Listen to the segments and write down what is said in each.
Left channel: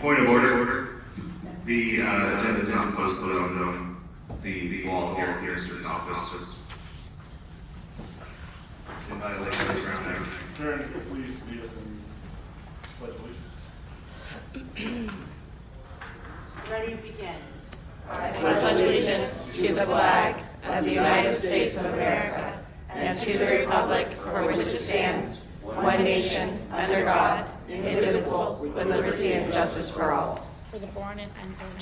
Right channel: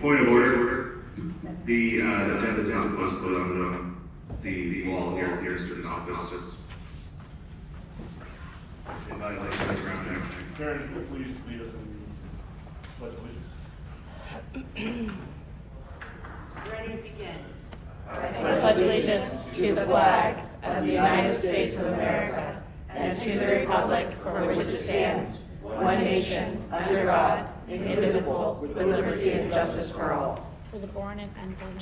Point of order. The agenda is not posted on the wall here at the student office. In violation of the Brown Act. Karen, if you please lead us in pledge allegiance. Ready to begin. I pledge allegiance to the flag of the United States of America and to the republic for which it stands, one nation, under God, indivisible, with liberty and justice for all. For the born and unborn.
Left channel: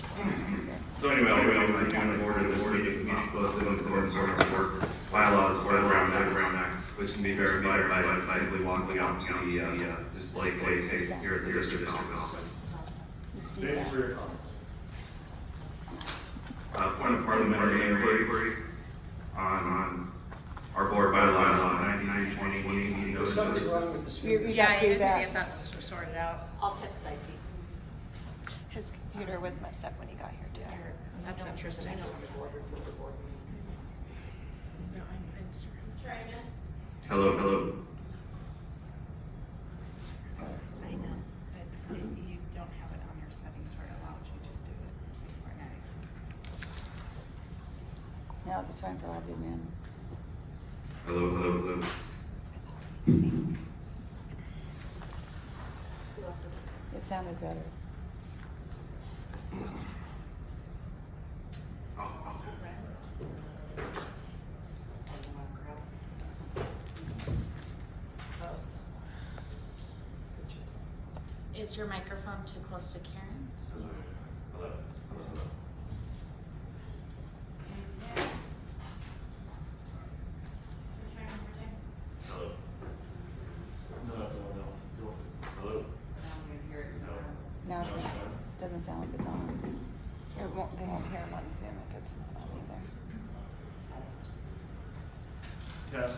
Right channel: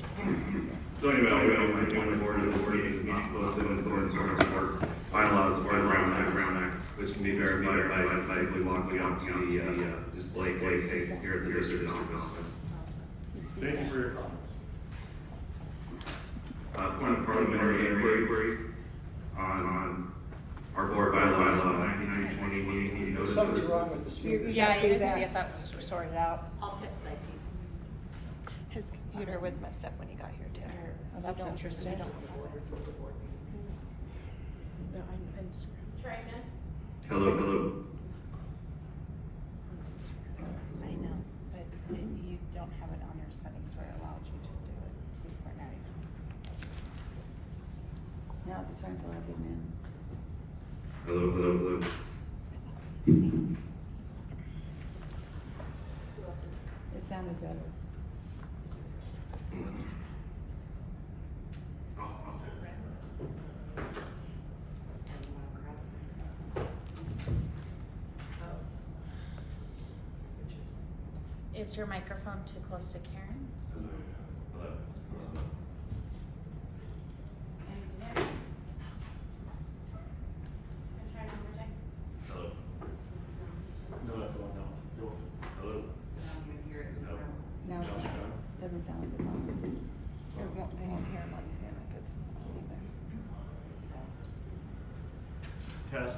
So anyway, my point of order, this meeting is not posted in accordance with our bylaws or the Brown Act, which can be verified by simply walking out to the display case here at the district office. Thank you for your comments. Point of parliamentary inquiry on our board bylaw 9920 notices. Something's wrong with the speaker. You guys need to get that sorted out. I'll text IT. His computer was messed up when he got here, too. Oh, that's interesting. Hello. I know, but you don't have it on your settings where it allowed you to do it before night. Now's the time for all good men. Hello. It sounded better. Is your microphone too close to Karen's? No, that's all. No. Go with it. Hello. Now No, it's done. it doesn't sound like it's on. They won't hear him on Zoom if it's not on either. Test.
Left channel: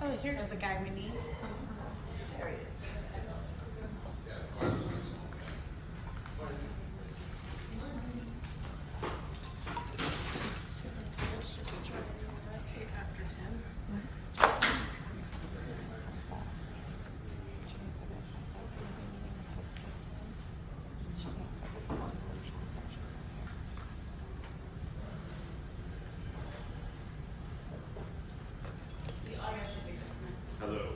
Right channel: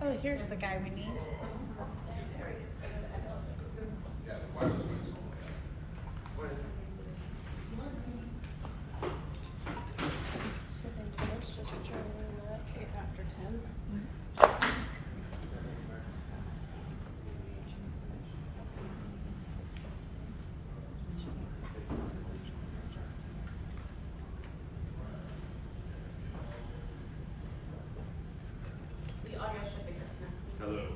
Oh, here's the guy we need. Hello.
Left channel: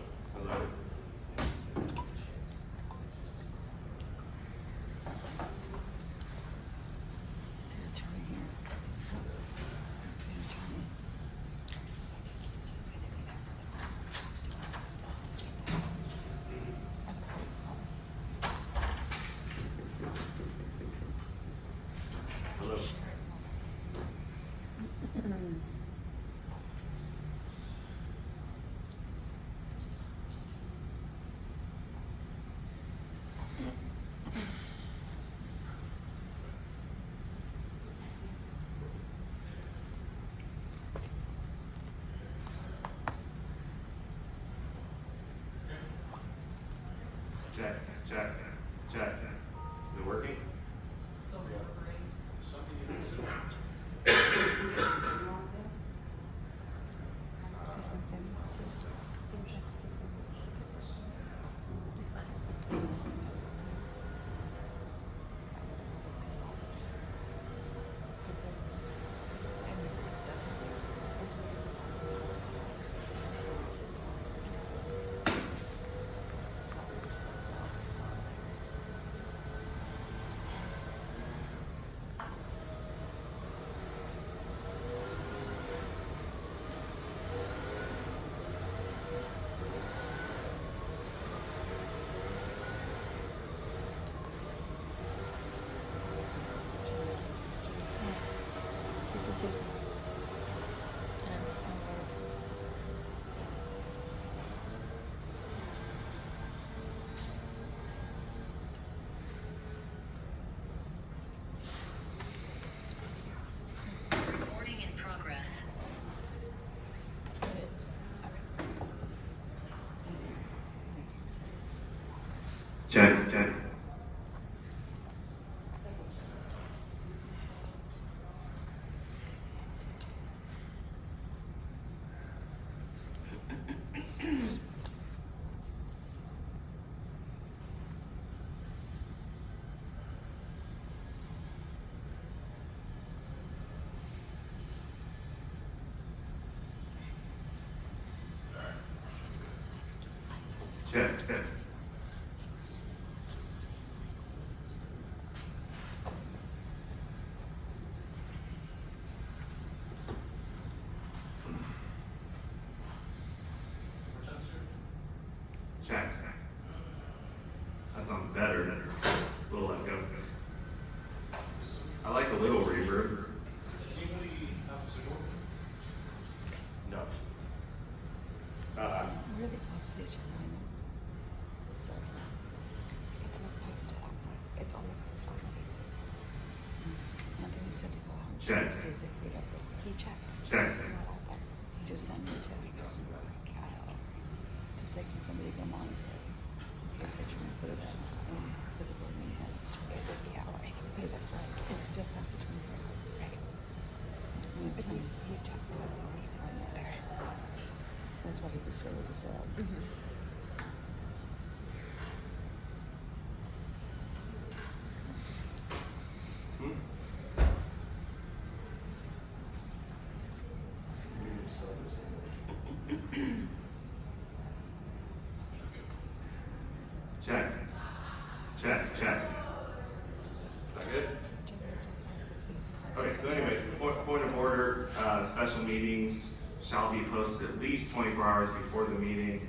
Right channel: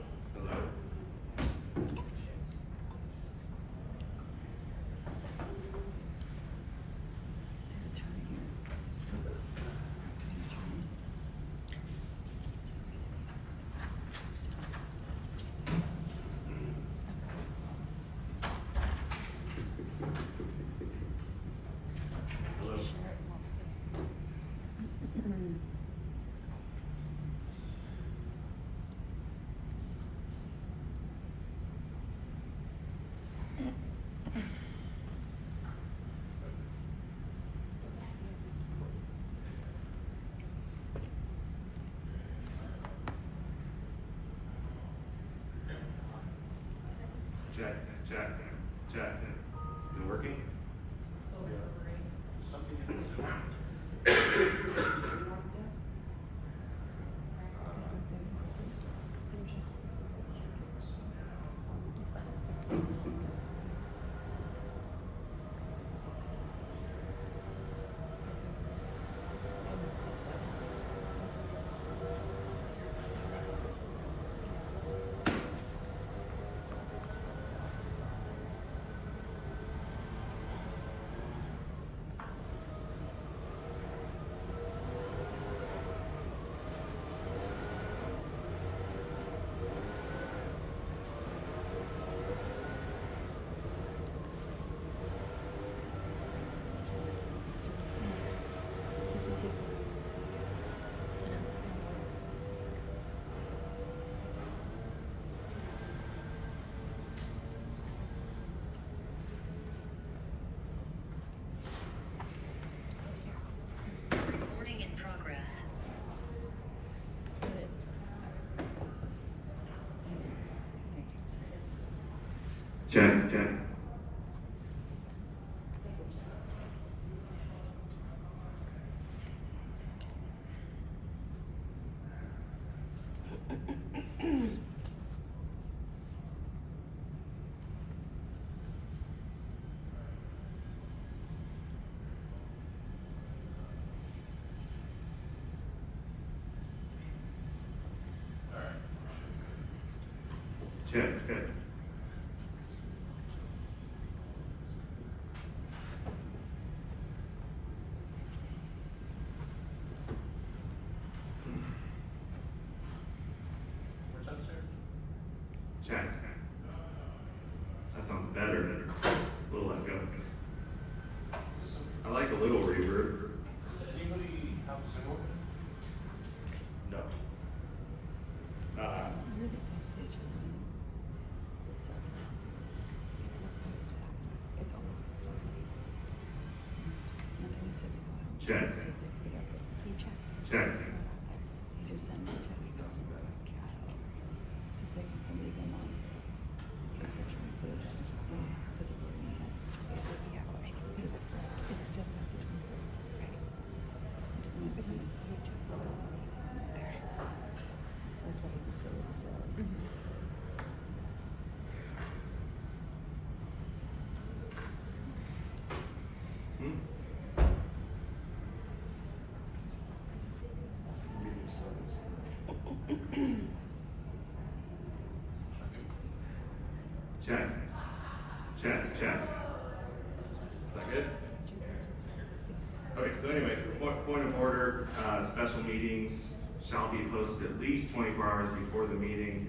Hello. Share it and we'll see. Check. Is it working? Kissy. Recording in progress. Check. Check. Check. That sounds better. A little let go. I like a little reverb. Anybody have a signal? No. Where do they post the agenda? It's on the Anthony said to go out. Check. To see if they put it up real quick. He checked. Check. He just sent me a text to say, can somebody go monitor it? In case they try and put it up, because it really hasn't started. But it's still past the 24 hours. And it's not- That's why he was saying what he said. Meeting started. Check. Is that good? Okay, so anyway, point of order, special meetings shall be posted at least 24 hours before the meeting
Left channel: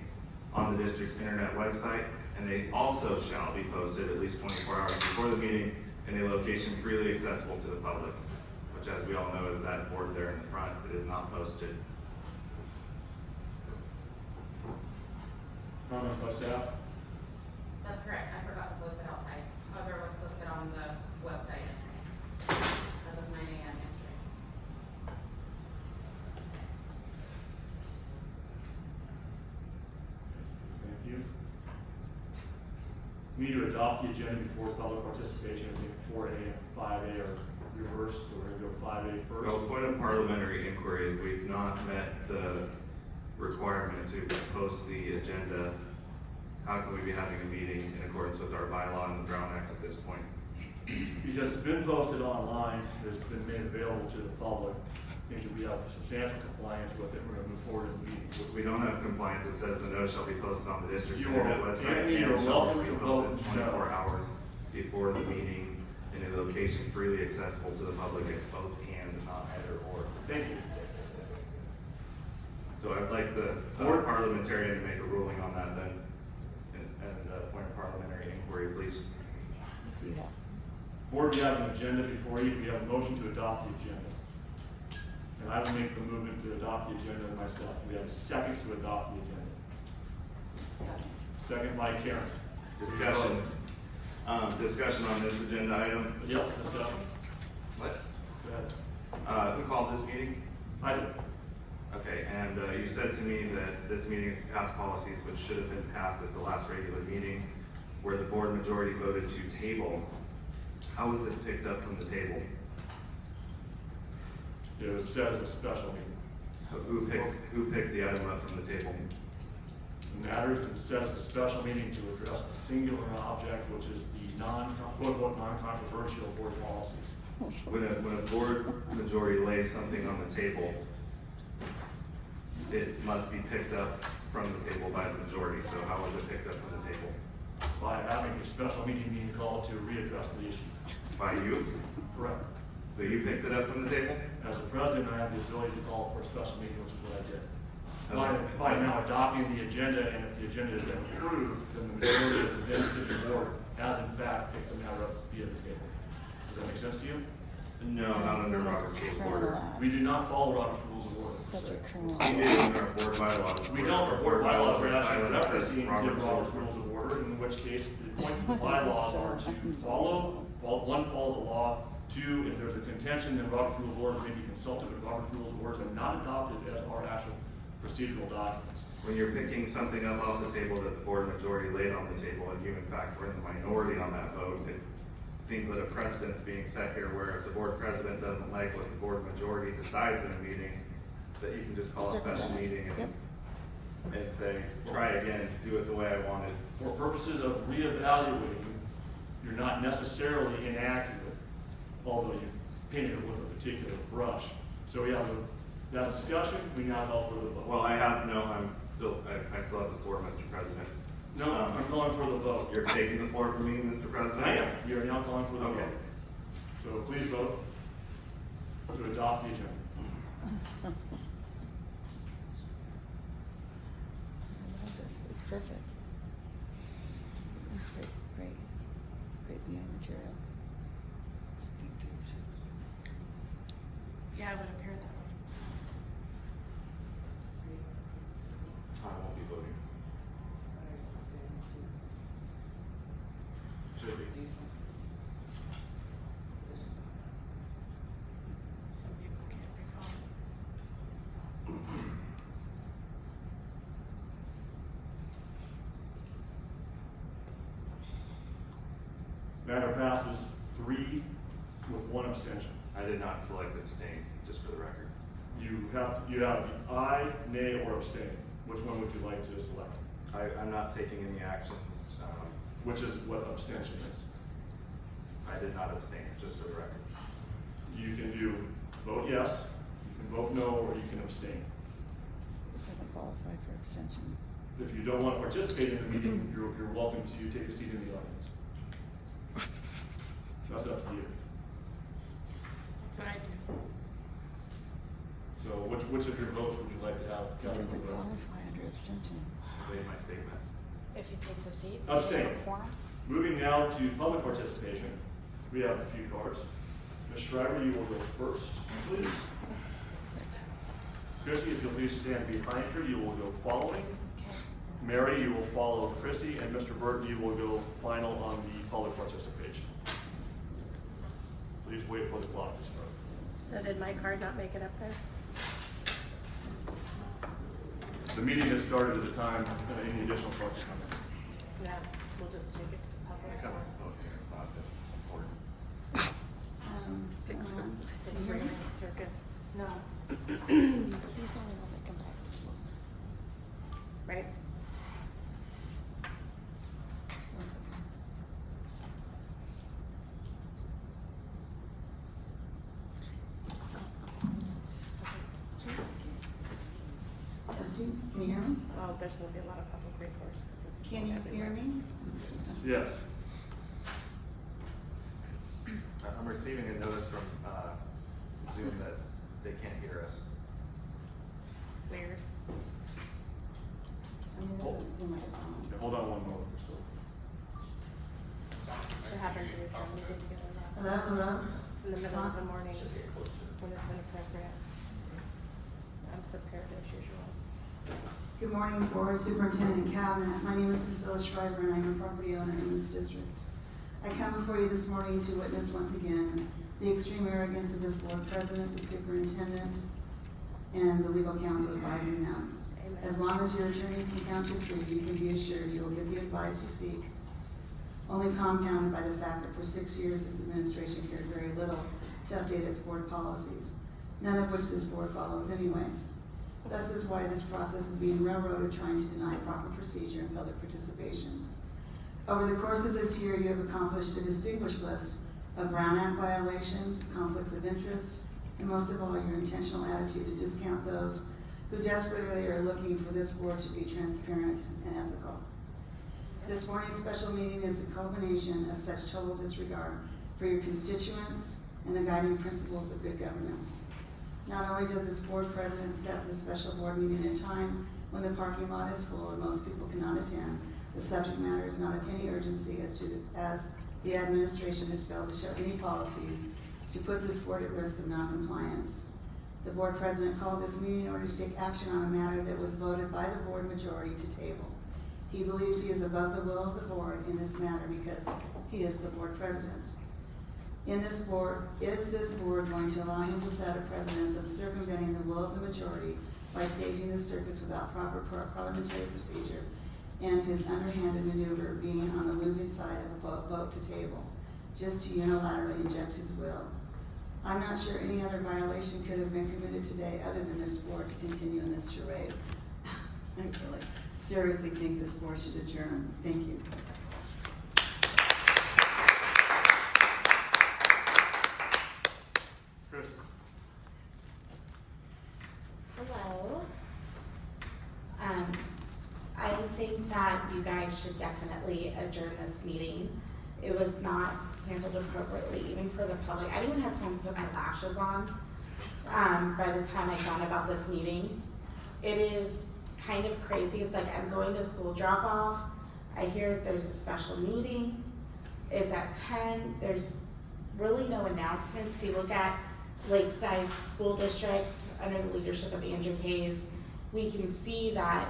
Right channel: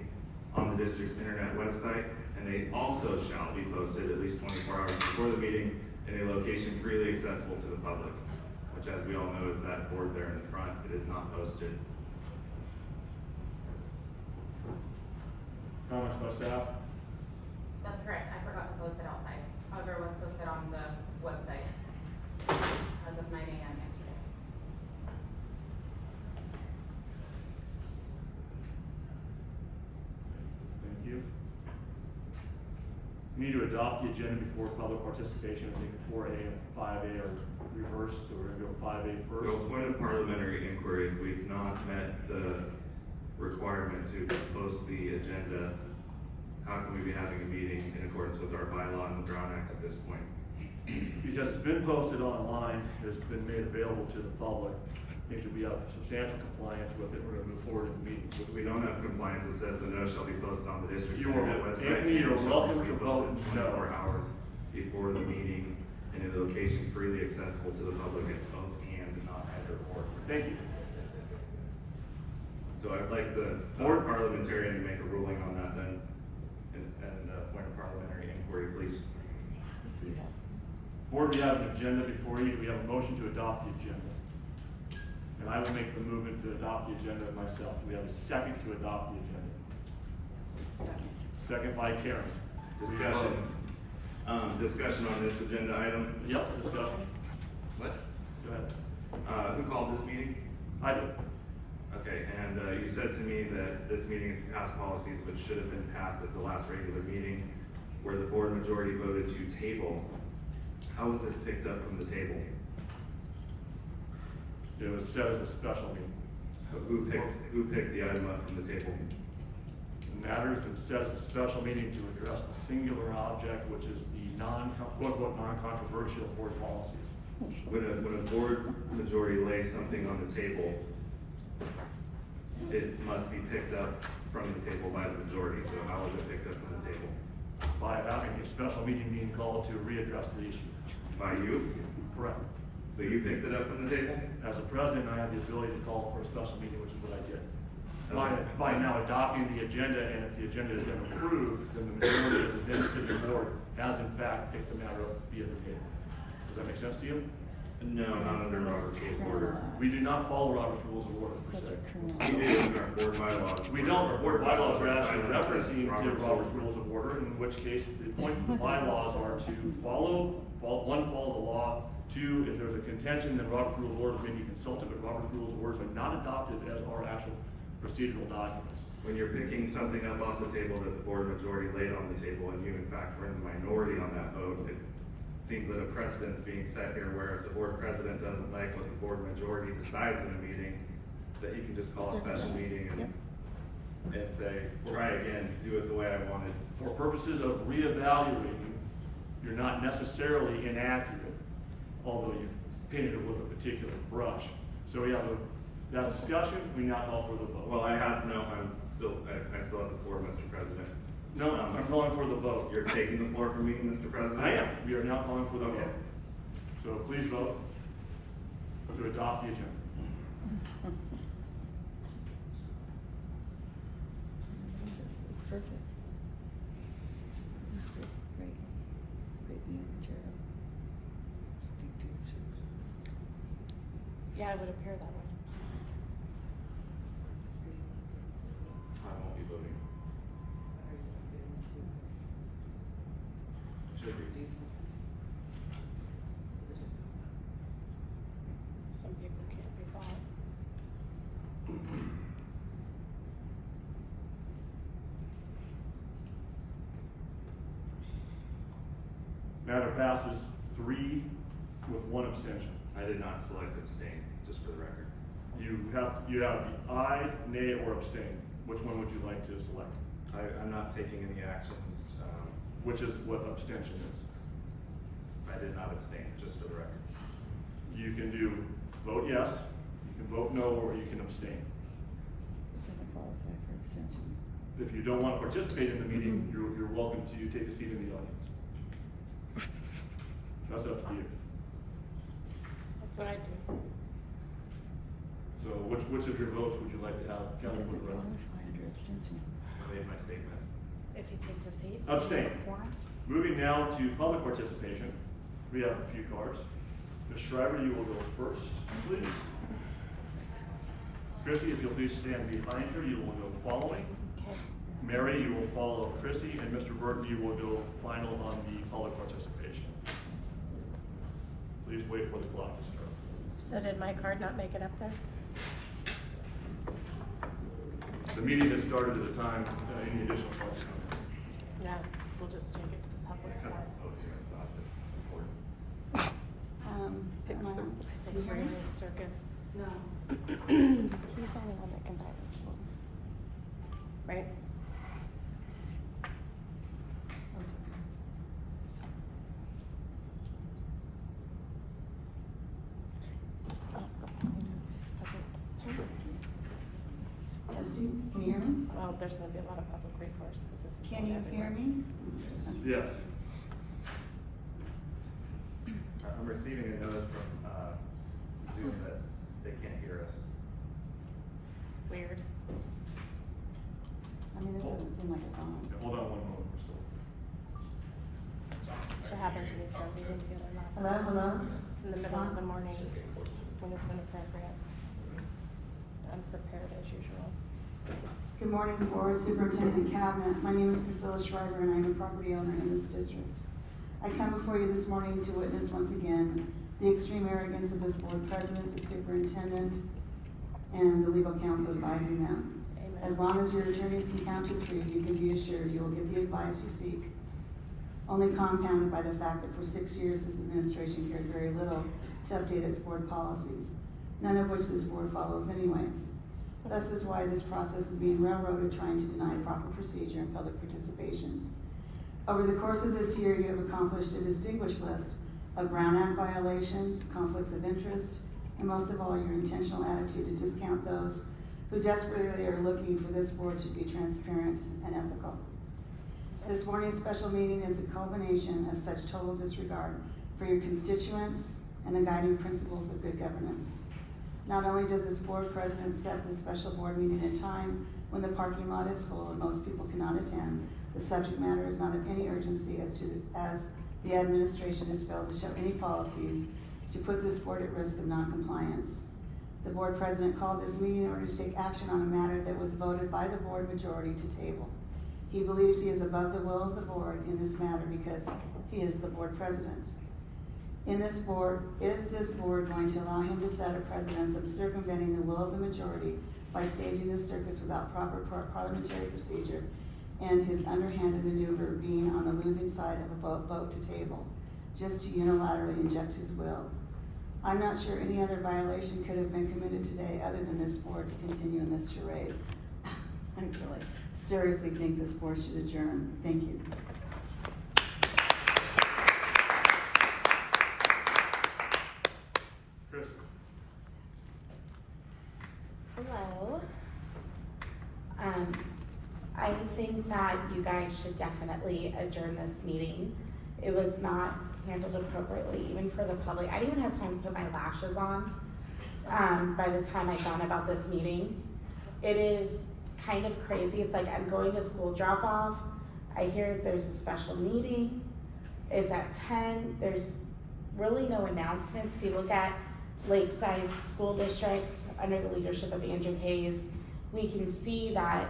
on the district's internet website, and they also shall be posted at least 24 hours before the meeting in a location freely accessible to the public, which, as we all know, is that board there in the front. It is not posted. Comments by staff? That's correct, I forgot to post it outside, however, it was posted on the website as of 9 a.m. yesterday. Thank you. We need to adopt the agenda before public participation. I think 4A and 5A are reversed, so we're gonna go 5A first. So, point of parliamentary inquiry, if we've not met the requirement to post the agenda, how can we be having a meeting in accordance with our bylaw and the Brown Act at this point? Because it's been posted online, it's been made available to the public. I think that we have substantial compliance with it, we're gonna move forward in the meeting. We don't have compliance that says the notice shall be posted on the district's You are- internet website. Anthony, you're and shall also welcome be to posted vote 24 no. hours before the meeting in a location freely accessible to the public. It's both and, not either or. Thank you. So I'd like the board parliamentarian to make a ruling on that then, and point of parliamentary inquiry, please. Do you have? Board, we have an agenda before you. Do we have a motion to adopt the agenda? And I will make the movement to adopt the agenda myself. Do we have a second to adopt the agenda? Second by Karen. Discussion on this agenda item. Yep, discussion. What? Go ahead. Who called this meeting? I did. Okay, and you said to me that this meeting is to pass policies which should have been passed at the last regular meeting, where the board majority voted to table. How was this picked up from the table? It was set as a special meeting. Who picked the item up from the table? The matter has been set as a special meeting to address the singular object, which is the quote-unquote non-controversial board policies. When a board majority lays something on the table, it must be picked up from the table by the majority. So how was it picked up from the table? By having a special meeting being called to readdress the issue. By you? Correct. So you picked it up from the table? As a president, I have the ability to call for a special meeting, which is what I did. Okay. By now adopting the agenda, and if the agenda is then approved, then the majority of the then sitting board has in fact picked the matter up via the table. Does that make sense to you? No, not under Robert's Rules of Order. We do not follow Robert's Rules of Order per Such se. a criminal. We do in our board bylaws. We don't, the board bylaws are actually Silent referencing to Robert's Robert's Rules of Order, in which case the points of the bylaws are to follow the law. Two, if there's a contention, then Robert's Rules of Orders may be consulted, but Robert's Rules of Orders are not adopted as our actual procedural documents. When you're picking something up off the table that the board majority laid on the table, and you in fact were in the minority on that vote, it seems that a precedent's being set here where if the board president doesn't like what the board majority decides in a meeting, that you can just call a special meeting and say, try again, do it the way I wanted. For purposes of reevaluating, you're not necessarily inaccurate, although you've painted it with a particular brush. So we have that discussion, we now call for the vote. Well, I still have the floor, Mr. President. No, I'm calling for the vote. You're taking the floor from me, Mr. President? I am. We are now calling for the Okay. vote. So please vote to adopt the agenda. It's perfect. It's great, great viewing material. Yeah, I would appear that way. I won't be voting. Should be. Some people can't be bought. Matter passes 3 with 1 abstention. I did not select abstain, just for the record. You have the aye, nay, or abstain. Which one would you like to select? I'm not taking any actions. Which is what abstention is. I did not abstain, just for the record. You can do vote yes, you can vote no, or you can abstain. It doesn't qualify for abstention. If you don't want to participate in the meeting, you're welcome to take a seat in the audience. That's up to you. That's what I do. So which of your votes would you like to have It counted for doesn't the vote? qualify under abstention. I made my statement. If he takes a seat. Abstain. Quorum. Moving now to public participation. We have a few cards. Ms. Schreiber, you will go first, please. Chrissy, if you'll please stand behind her, you will go following. Okay. Mary, you will follow Chrissy, and Mr. Burton, you will go final on the public participation. Please wait for the clock to start. So did my card not make it up there? The meeting has started at the time, any additional cards? No, we'll just take it to the public. It's not this important. Can you hear me? Circus. No. He's on the one that can back. Right? Testing, can you hear me? Oh, there's gonna be a lot of public recourse. Can you hear me? Yes. I'm receiving a notice from Zoom that they can't hear us. Weird. I mean, this doesn't seem like it's on. Yeah, hold on one moment, Crystal. To have it in the Hello, hello? in the middle of the morning. When it's inappropriate. Unprepared as usual. Good morning, Board, Superintendent, and Cabinet. My name is Priscilla Schreiber, and I'm a property owner in this district. I come before you this morning to witness once again the extreme arrogance of this board president, the superintendent, and the legal counsel advising them. As long as your attorneys can count to 3, you can be assured you will get the advice you seek, only compounded by the fact that for 6 years this administration cared very little to update its board policies, none of which this board follows anyway. Thus is why this process is being railroaded, trying to deny proper procedure and public participation. Over the course of this year, you have accomplished a distinguished list of Brown Act violations, conflicts of interest, and most of all, your intentional attitude to discount those who desperately are looking for this board to be transparent and ethical. This morning's special meeting is a culmination of such total disregard for your constituents and the guiding principles of good governance. Not only does this board president set this special board meeting at a time when the parking lot is full and most people cannot attend, the subject matter is not of any urgency as the administration has failed to show any policies to put this board at risk of non-compliance. The board president called this meeting in order to take action on a matter that was voted by the board majority to table. He believes he is above the will of the board in this matter because he is the board president. Is this board going to allow him to set a precedence of circumventing the will of the majority by staging this circus without proper parliamentary procedure and his underhanded maneuver being on the losing side of a vote to table, just to unilaterally inject his will? I'm not sure any other violation could have been committed today other than this board to continue in this charade. I really seriously think this board should adjourn. Thank you. Christopher. Hello. I think that you guys should definitely adjourn this meeting. It was not handled appropriately, even for the public. I didn't even have time to put my lashes on, by the time I found about this meeting. It is kind of crazy. It's like I'm going to school drop off. I hear there's a special meeting. It's at 10. There's really no announcements. If you look at Lakeside School District under the leadership of Andrew Hayes, we can see that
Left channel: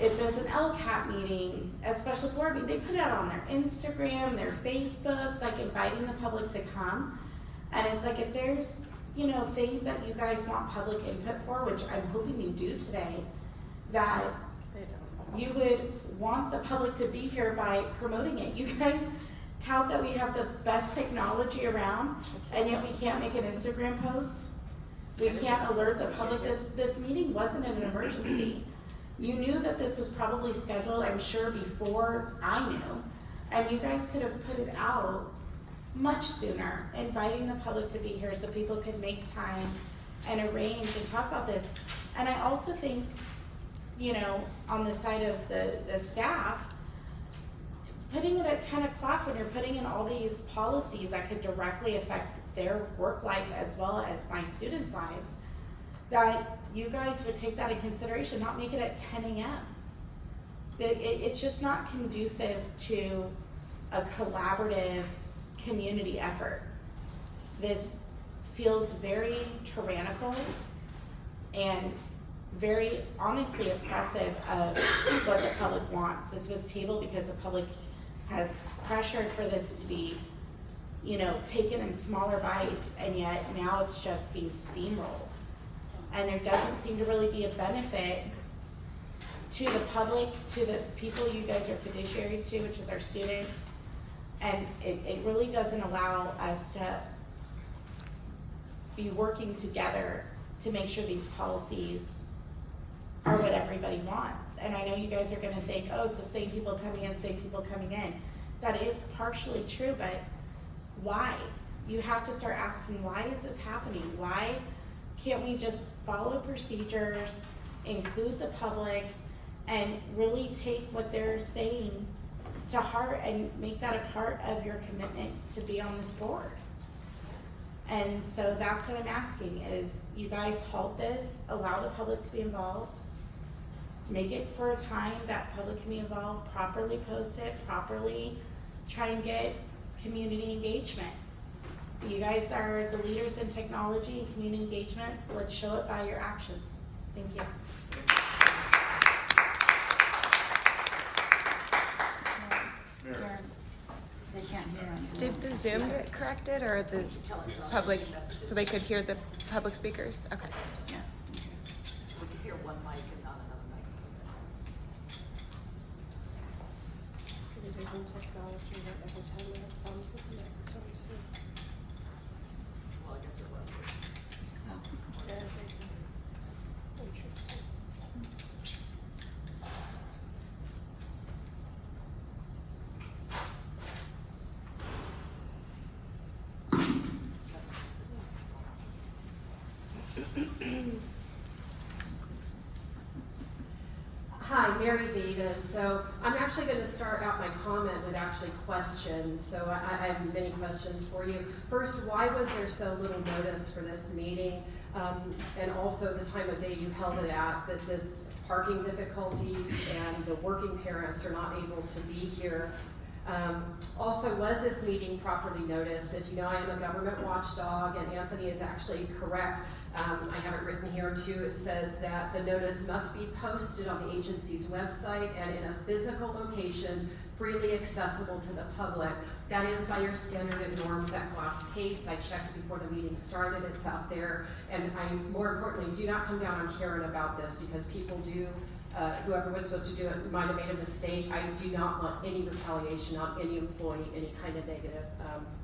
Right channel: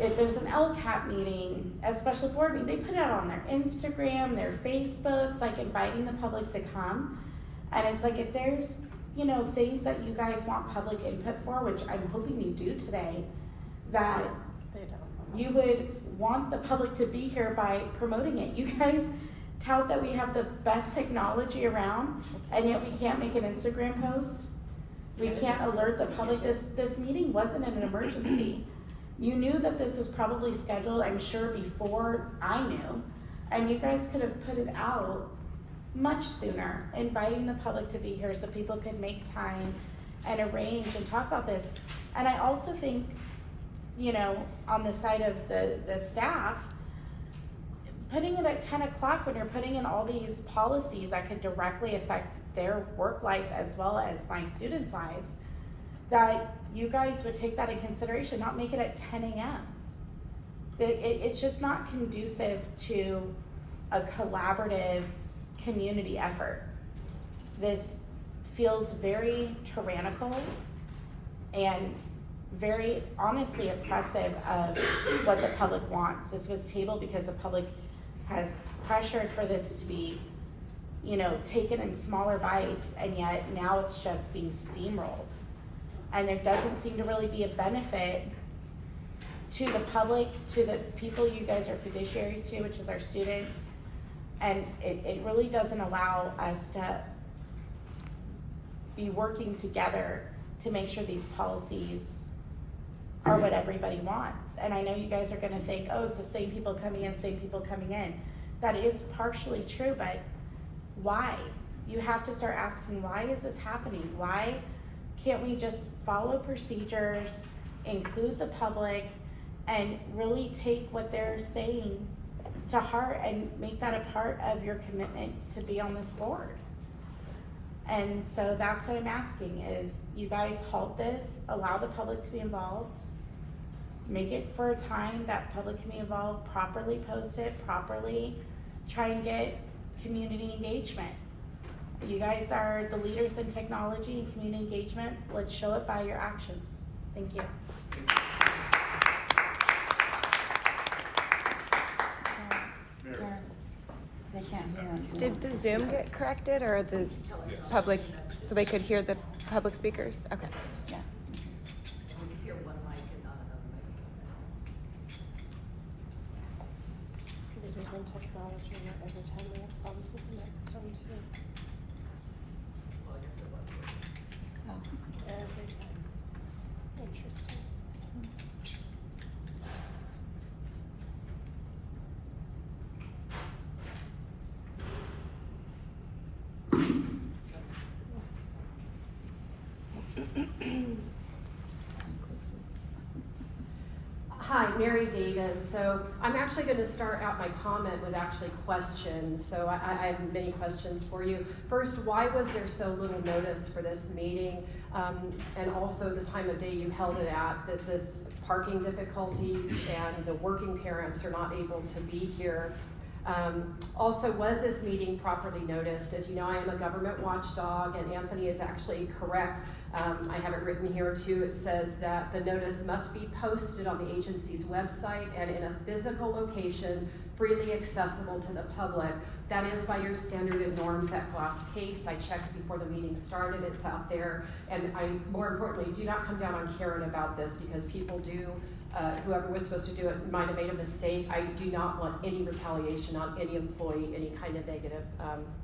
if there's an LCAP meeting, a special board meeting, they put it out on their Instagram, their Facebooks, like inviting the public to come. And it's like, if there's, you know, things that you guys want public input for, which I'm hoping you do today, that you would want the public to be here by promoting it. You guys tout that we have the best technology around, and yet we can't make an Instagram post. We can't alert the public. This meeting wasn't an emergency. You knew that this was probably scheduled, I'm sure, before I knew, and you guys could have put it out much sooner, inviting the public to be here so people could make time and arrange and talk about this. And I also think, you know, on the side of the staff, putting it at 10 o'clock when you're putting in all these policies that could directly affect their work life as well as my students' lives, that you guys would take that in consideration, not make it at 10 a.m. It's just not conducive to a collaborative community effort. This feels very tyrannical and very honestly oppressive of what the public wants. This was tabled because the public has pressured for this to be, you know, taken in smaller bites, and yet now it's just being steamrolled. And there doesn't seem to really be a benefit to the public, to the people you guys are fiduciaries to, which is our students. And it really doesn't allow us to be working together to make sure these policies are what everybody wants. And I know you guys are gonna think, oh, it's the same people coming in, same people coming in. That is partially true, but why? You have to start asking, why is this happening? Why can't we just follow procedures, include the public, and really take what they're saying to heart and make that a part of your commitment to be on this board? And so that's what I'm asking, is you guys halt this, allow the public to be involved, make it for a time that public can be involved, properly post it, properly try and get community engagement. You guys are the leaders in technology and community engagement. Let's show it by your actions. Thank you. They can't hear on Zoom. Did the Zoom get corrected, or the public, so they could hear the public speakers? Okay. Yeah. We can hear one mic and not another mic. Well, I guess it was. Oh. Hi, Mary Davis. So I'm actually going to start out my comment with actually questions. So I have many questions for you. First, why was there so little notice for this meeting? And also the time of day you held it at, that this parking difficulties and the working parents are not able to be here. Also, was this meeting properly noticed? As you know, I am a government watchdog, and Anthony is actually correct. I have it written here too. It says that the notice must be posted on the agency's website and in a physical location freely accessible to the public. That is by your standard and norms at Glass Case. I checked before the meeting started, it's out there. And more importantly, do not come down on Karen about this, because people do, whoever was supposed to do it might have made a mistake. I do not want any retaliation on any employee, any kind of negative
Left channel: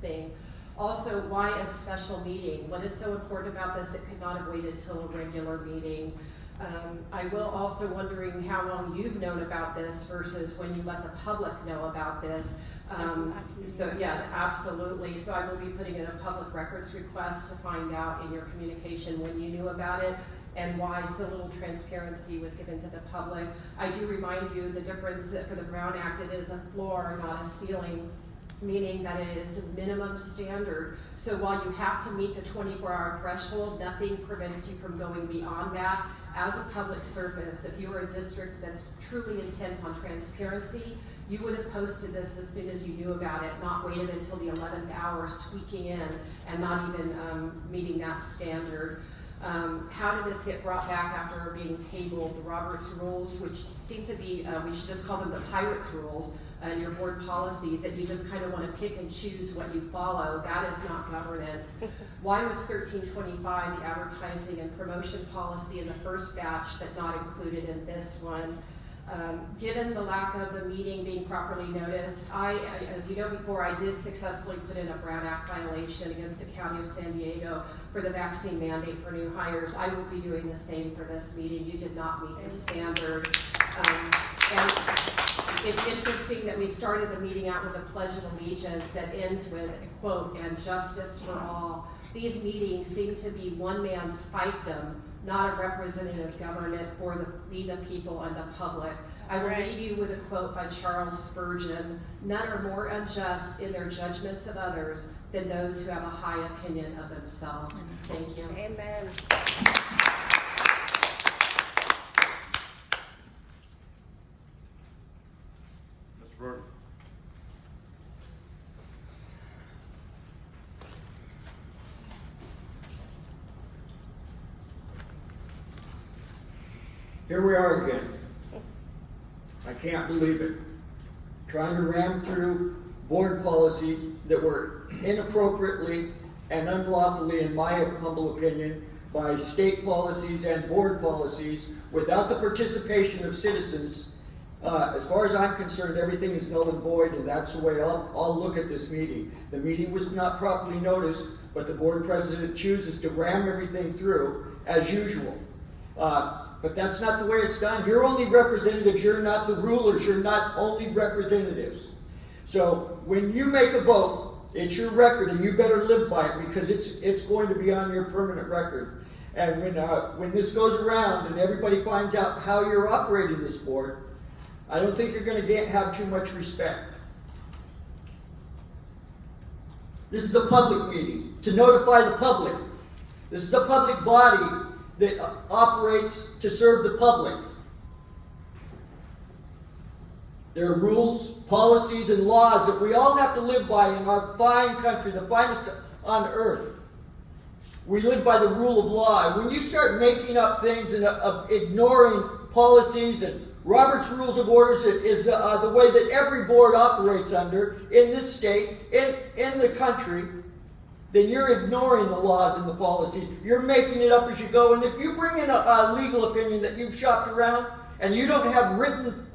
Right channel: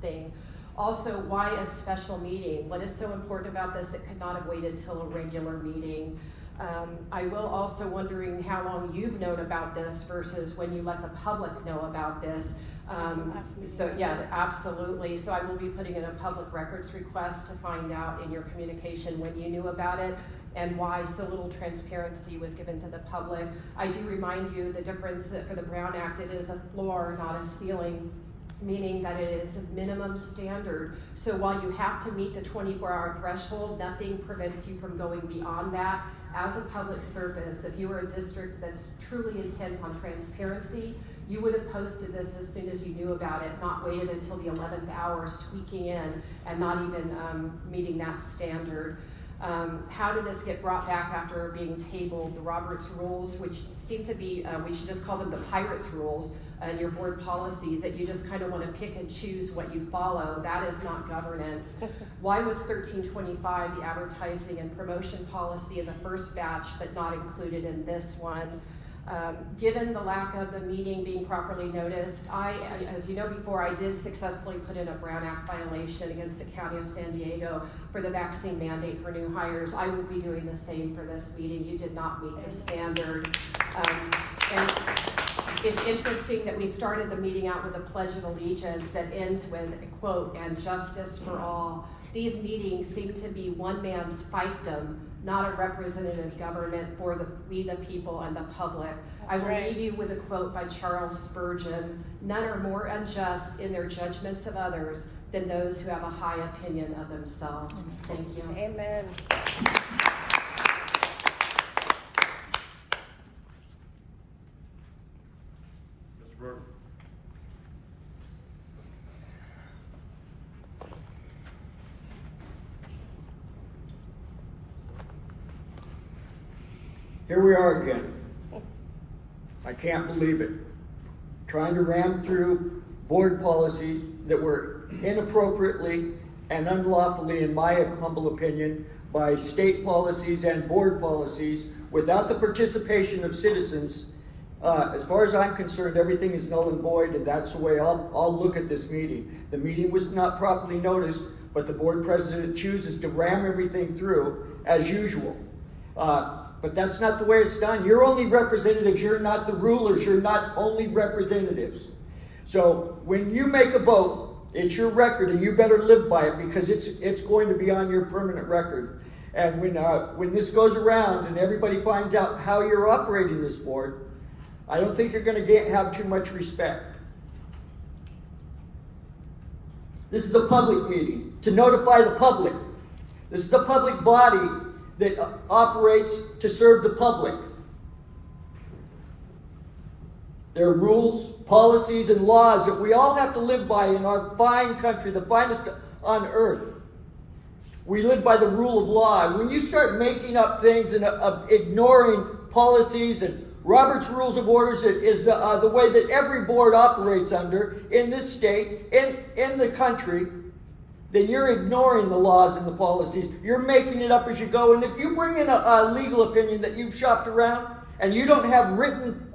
thing. Also, why a special meeting? What is so important about this? It could not have waited till a regular meeting. I will also wondering how long you've known about this versus when you let the public know about this. So yeah, absolutely. So I will be putting in a public records request to find out in your communication when you knew about it and why so little transparency was given to the public. I do remind you the difference that for the Brown Act, it is a floor, not a ceiling, meaning that it is a minimum standard. So while you have to meet the 24-hour threshold, nothing prevents you from going beyond that. As a public service, if you were a district that's truly intent on transparency, you would have posted this as soon as you knew about it, not waited until the 11th hour squeaking in and not even meeting that standard. How did this get brought back after being tabled? The Roberts rules, which seem to be, we should just call them the Pirates rules, your board policies, that you just kind of want to pick and choose what you follow. That is not governance. Why was 1325, the advertising and promotion policy, in the first batch, but not included in this one? Given the lack of the meeting being properly noticed, as you know before, I did successfully put in a Brown Act violation against the County of San Diego for the vaccine mandate for new hires. I will be doing the same for this meeting. You did not meet the standard. And it's interesting that we started the meeting out with a pledge of allegiance that ends with a quote, "and justice for all." These meetings seem to be one man's fiefdom, not a representative government for we the people and the public. I will leave you with a quote by Charles Spurgeon: "None are more unjust in their judgments of others than those who have a high opinion of themselves." Thank you. Amen. Mr. Brewer. Here we are again. I can't believe it. Trying to ram through board policies that were inappropriately and unlawfully, in my humble opinion, by state policies and board policies without the participation of citizens. As far as I'm concerned, everything is null and void, and that's the way I'll look at this meeting. The meeting was not properly noticed, but the board president chooses to ram everything through as usual. But that's not the way it's done. You're only representatives, you're not the rulers, you're not only representatives. So when you make a vote, it's your record and you better live by it, because it's going to be on your permanent record. And when this goes around and everybody finds out how you're operating this board, I don't think you're going to have too much respect. This is a public meeting to notify the public. This is a public body that operates to serve the public. There are rules, policies, and laws that we all have to live by in our fine country, the finest on earth. We live by the rule of law. When you start making up things and ignoring policies, and Robert's Rules of Orders is the way that every board operates under in this state, in the country, then you're ignoring the laws and the policies. You're making it up as you go. And if you bring in a legal opinion that you've shopped around and you don't have written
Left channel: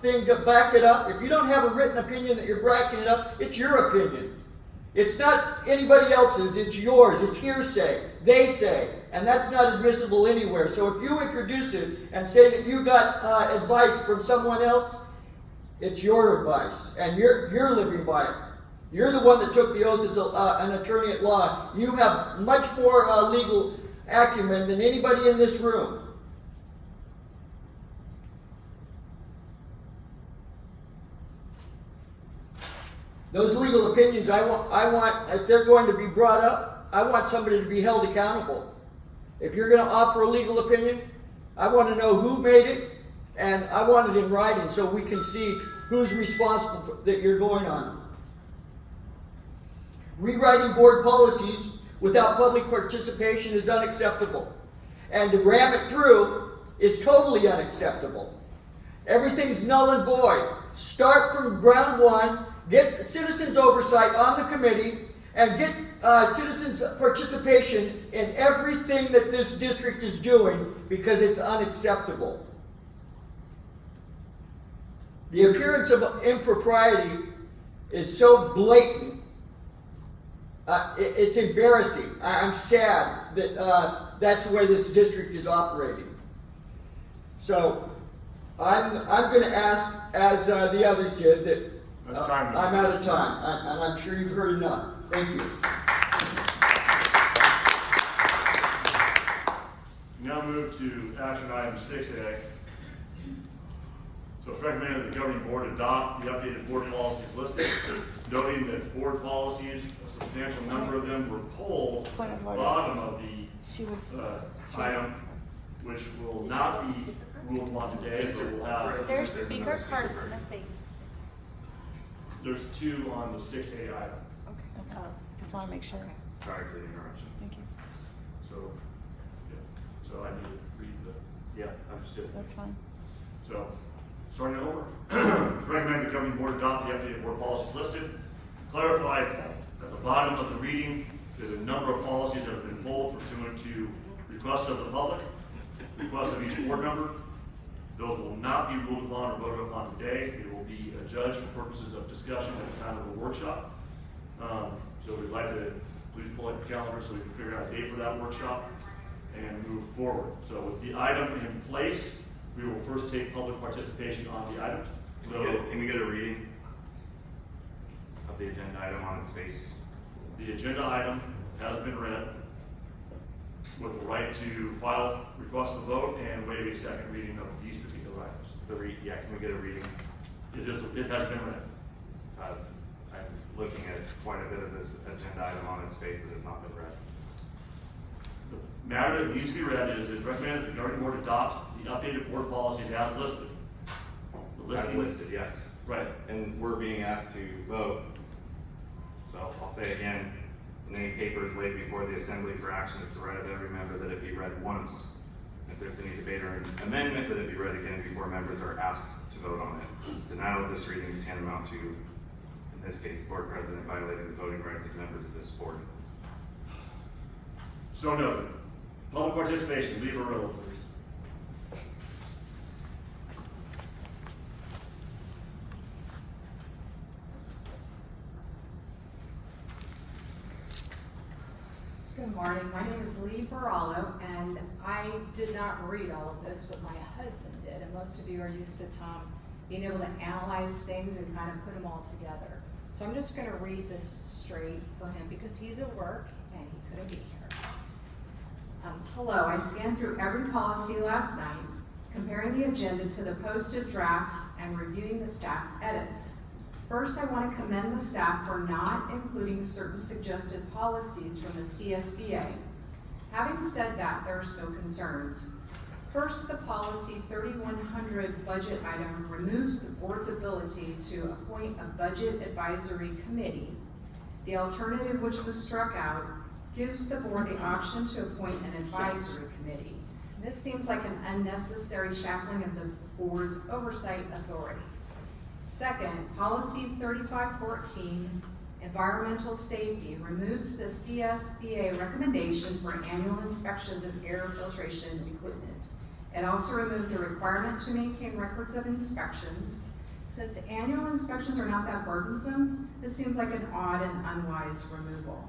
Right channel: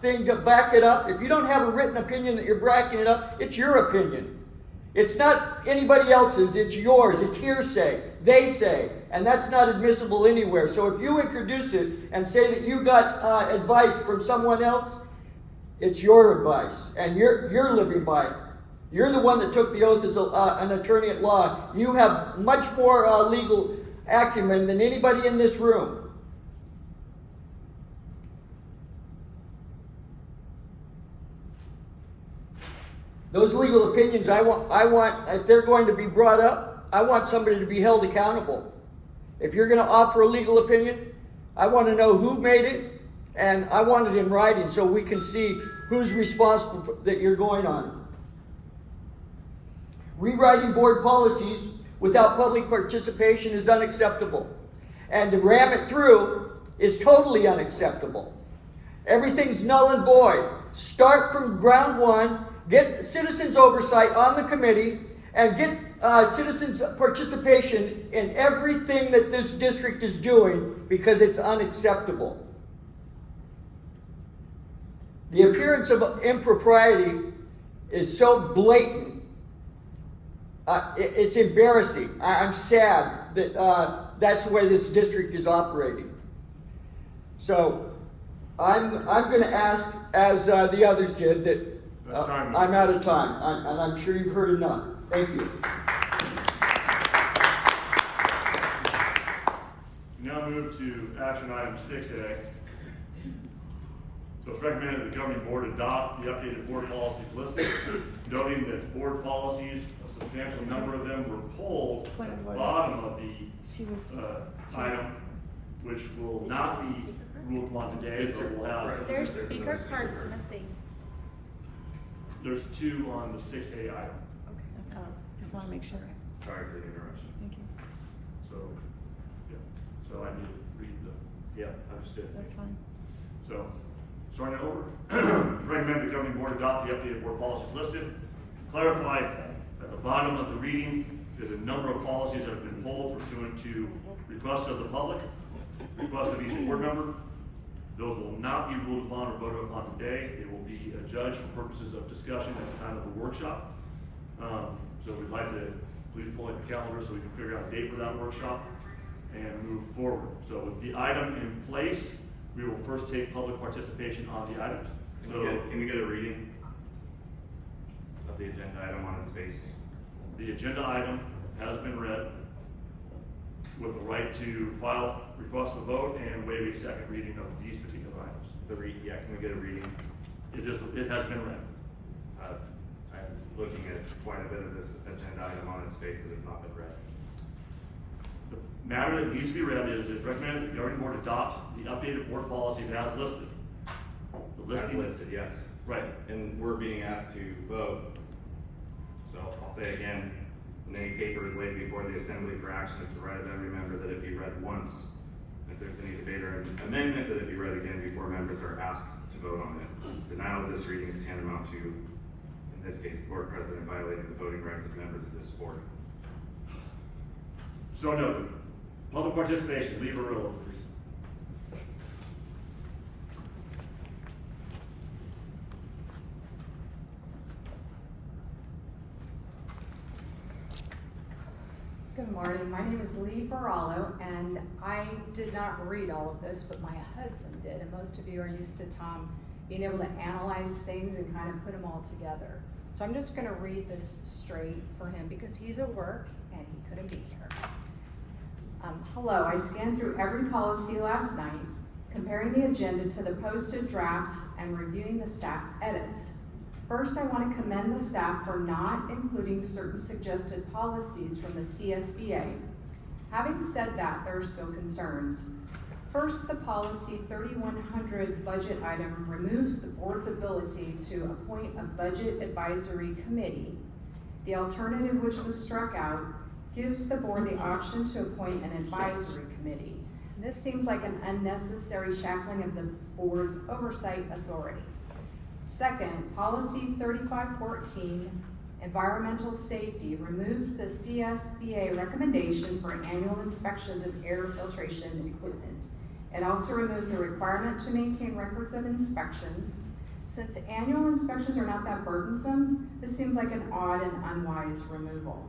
thing to back it up, if you don't have a written opinion that you're backing it up, it's your opinion. It's not anybody else's, it's yours. It's hearsay. They say. And that's not admissible anywhere. So if you introduce it and say that you got advice from someone else, it's your advice. And you're living by it. You're the one that took the oath as an attorney at law. You have much more legal acumen than anybody in this room. Those legal opinions, I want, if they're going to be brought up, I want somebody to be held accountable. If you're going to offer a legal opinion, I want to know who made it, and I want it in writing so we can see who's responsible that you're going on. Rewriting board policies without public participation is unacceptable. And to ram it through is totally unacceptable. Everything's null and void. Start from ground one, get citizens' oversight on the committee, and get citizens' participation in everything that this district is doing, because it's unacceptable. The appearance of impropriety is so blatant. It's embarrassing. I'm sad that that's the way this district is operating. So I'm gonna ask, as the others did, that That's time. I'm out of time, and I'm sure you've heard enough. Thank you. Now move to action item 6A. So it's recommended that the governing board adopt the updated board policies listed, noting that board policies, a substantial number of them were pulled at the bottom of the item, which will not be ruled upon today, but we'll have, There's speaker cards missing. there's 2 on the 6A item. Okay, just wanna make sure. Sorry for the interruption. Thank you. So, yeah, so I need to read the, Yeah, understood. That's fine. so, starting it over. It's recommended the governing board adopt the updated board policies listed. Clarify at the bottom of the reading, there's a number of policies that have been pulled pursuant to requests of the public, requests of each board member. Those will not be ruled upon or voted upon today. It will be adjudged for purposes of discussion at the time of the workshop. So we'd like to please pull out the calendar so we can figure out a date for that workshop and move forward. So with the item in place, we will first take public participation on the items. So Can we get a reading of the agenda item on its face? the agenda item has been read with the right to file request to vote and waive a second reading of these particular items. Yeah, can we get a reading? It has been read. I'm looking at quite a bit of this agenda item on its face that has not been read. The matter that needs to be read is recommended that the governing board adopt the updated board policies as listed. The As listing, listed, yes. right. And we're being asked to vote. So I'll say again, when any paper is laid before the assembly for action, it's the right of every member that it be read once. If there's any debate or amendment, that it be read again before members are asked to vote on it. Denial of this reading is tantamount to, in this case, the board president violating the voting rights of members of this board. So noted. Public participation, leave or roll, please. Good morning, my name is Lee Farallo, and I did not read all of this, but my husband did, and most of you are used to Tom being able to analyze things and kind of put them all together. So I'm just gonna read this straight for him because he's at work and he couldn't be here. Hello, I scanned through every policy last night, comparing the agenda to the posted drafts and reviewing the staff edits. First, I want to commend the staff for not including certain suggested policies from the CSBA. Having said that, there are still concerns. First, the policy 3100 budget item removes the board's ability to appoint a budget advisory committee. The alternative, which was struck out, gives the board the option to appoint an advisory committee. This seems like an unnecessary shackling of the board's oversight authority. Second, policy 3514, environmental safety, removes the CSBA recommendation for annual inspections of air filtration equipment. It also removes a requirement to maintain records of inspections. Since annual inspections are not that burdensome, this seems like an odd and unwise removal.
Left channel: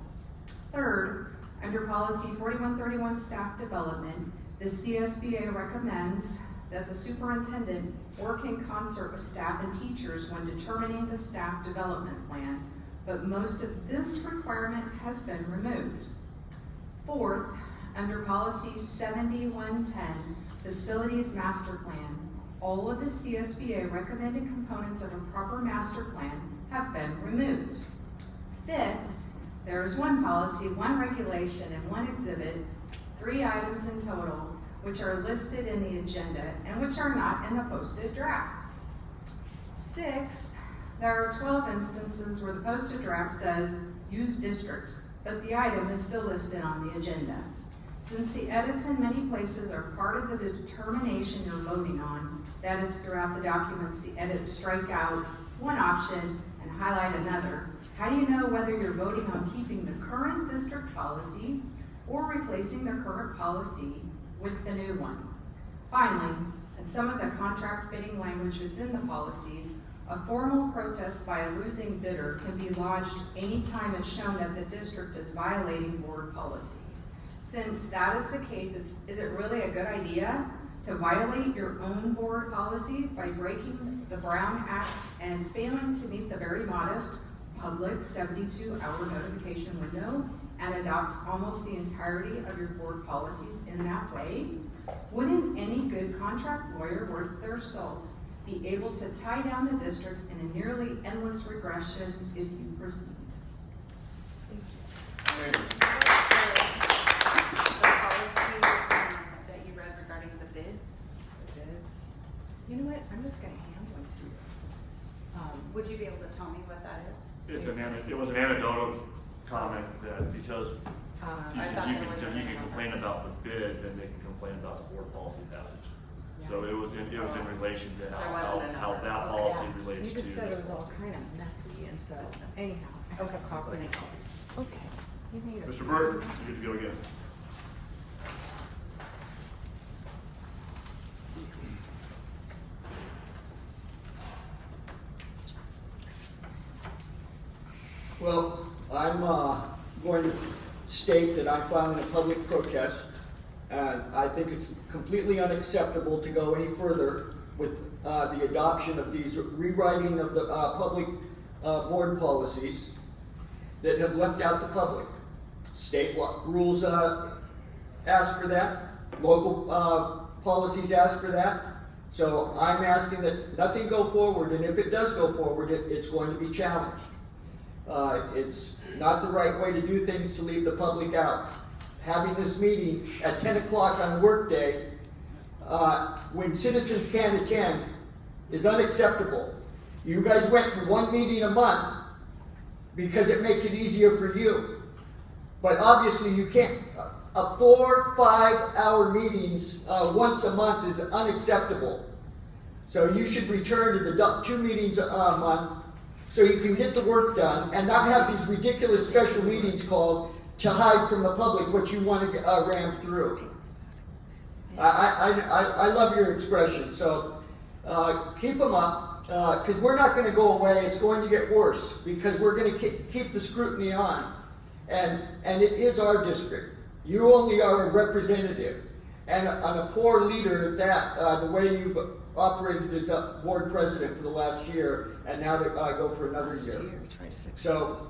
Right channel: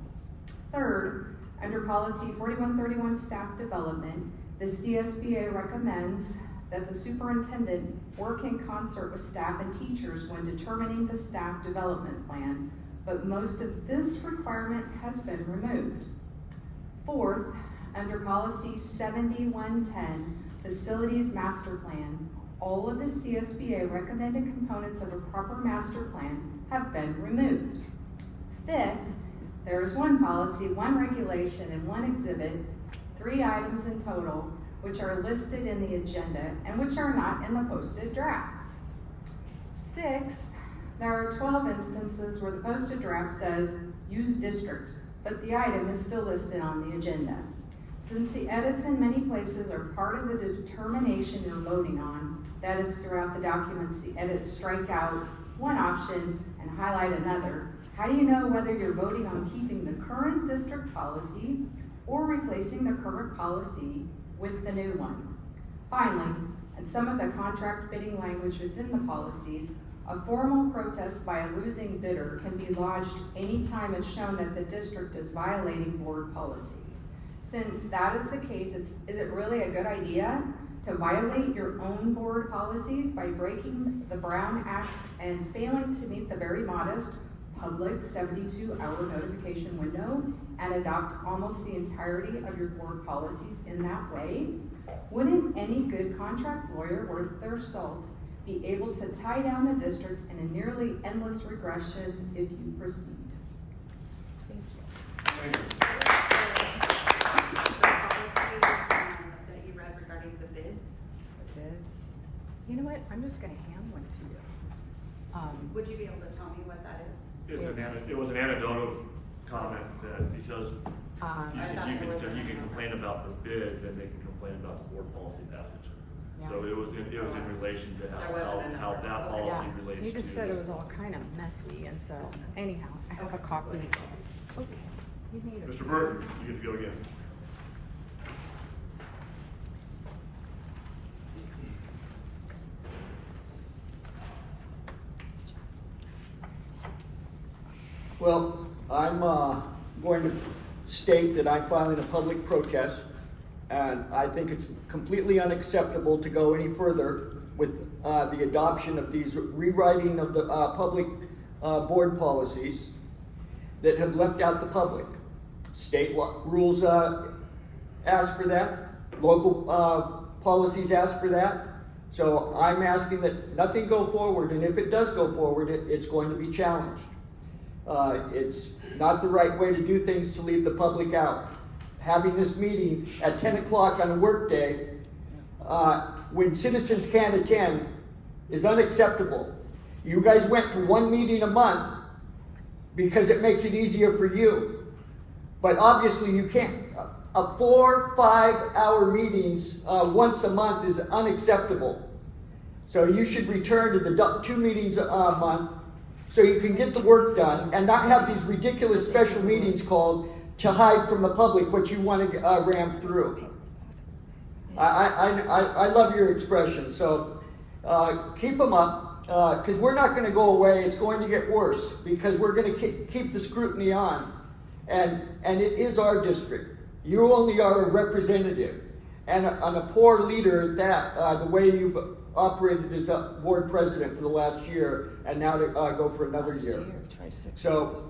Third, under policy 4131 staff development, the CSBA recommends that the superintendent work in concert with staff and teachers when determining the staff development plan, but most of this requirement has been removed. Fourth, under policy 7110, facilities master plan, all of the CSBA recommended components of a proper master plan have been removed. Fifth, there is one policy, one regulation, and one exhibit, 3 items in total, which are listed in the agenda and which are not in the posted drafts. Sixth, there are 12 instances where the posted draft says use district, but the item is still listed on the agenda. Since the edits in many places are part of the determination you're voting on, that is throughout the documents, the edits strike out one option and highlight another. How do you know whether you're voting on keeping the current district policy or replacing the current policy with the new one? Finally, in some of the contract bidding language within the policies, a formal protest by a losing bidder can be lodged anytime it's shown that the district is violating board policy. Since that is the case, is it really a good idea to violate your own board policies by breaking the Brown Act and failing to meet the very modest public 72-hour notification window and adopt almost the entirety of your board policies in that way, wouldn't any good contract lawyer worth their salt be able to tie down the district in a nearly endless regression if you proceed? Thank you. That you read regarding the bids, Bids. You know what, I'm just gonna hand one to you. would you be able to tell me what that is? It was an anecdotal comment that because you can complain about the bid, then they can complain about the board policy passage. So it was in relation to how that policy relates to. You just said it was all kind of messy, and so anyhow, I have a copy. Okay, you made it. Mr. Burton, you get to go again. Well, I'm going to state that I'm filing a public protest, and I think it's completely unacceptable to go any further with the adoption of these rewriting of the public board policies that have left out the public. State rules ask for that. Local policies ask for that. So I'm asking that nothing go forward, and if it does go forward, it's going to be challenged. It's not the right way to do things to leave the public out. Having this meeting at 10 o'clock on a work day when citizens can't attend is unacceptable. You guys went to one meeting a month because it makes it easier for you. But obviously you can't. 4-5 hour meetings once a month is unacceptable. So you should return to the 2 meetings a month so you can get the work done and not have these ridiculous special meetings called to hide from the public what you want to ram through. I love your expression, so keep them up, because we're not going to go away. It's going to get worse because we're going to keep the scrutiny on, and it is our district. You only are a representative, and a poor leader at that, the way you've operated as a board president for the last year, and now to go for another year. So,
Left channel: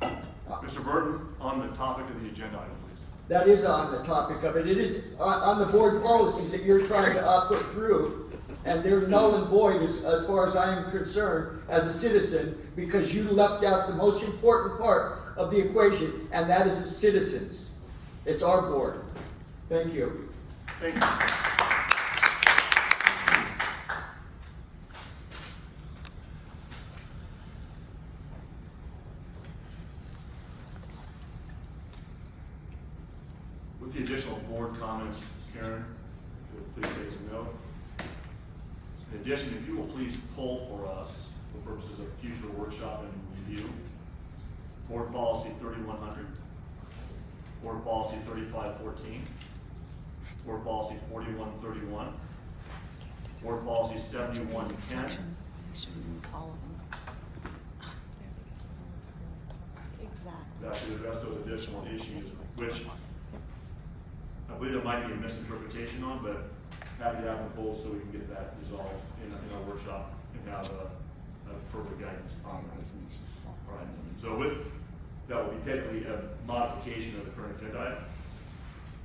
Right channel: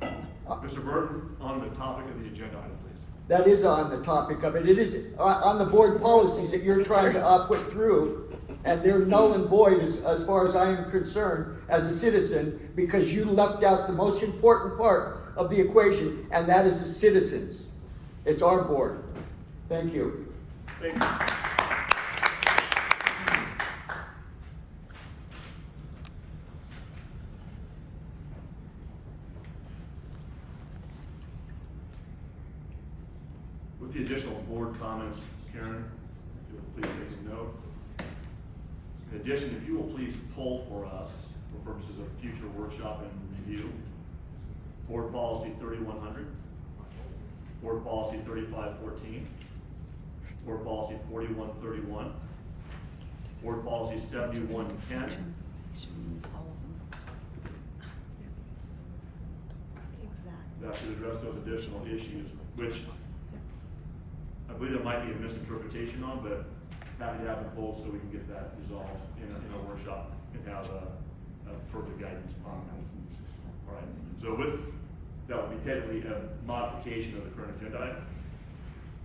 Mr. Burton, on the topic of the agenda item, please. that is on the topic of it. It is on the board policies that you're trying to put through, and they're null and void as far as I am concerned as a citizen, because you left out the most important part of the equation, and that is the citizens. It's our board. Thank you. Thank you. With the additional board comments, Karen, if you'll please take some note. In addition, if you will please poll for us for purposes of future workshop and review, board policy 3100, board policy 3514, board policy 4131, board policy 7110, All of them. Exactly. that should address those additional issues, which I believe there might be a misinterpretation on, but happy to have them pulled so we can get that resolved in our workshop and have further guidance on that. All right. So that will be technically a modification of the current agenda item.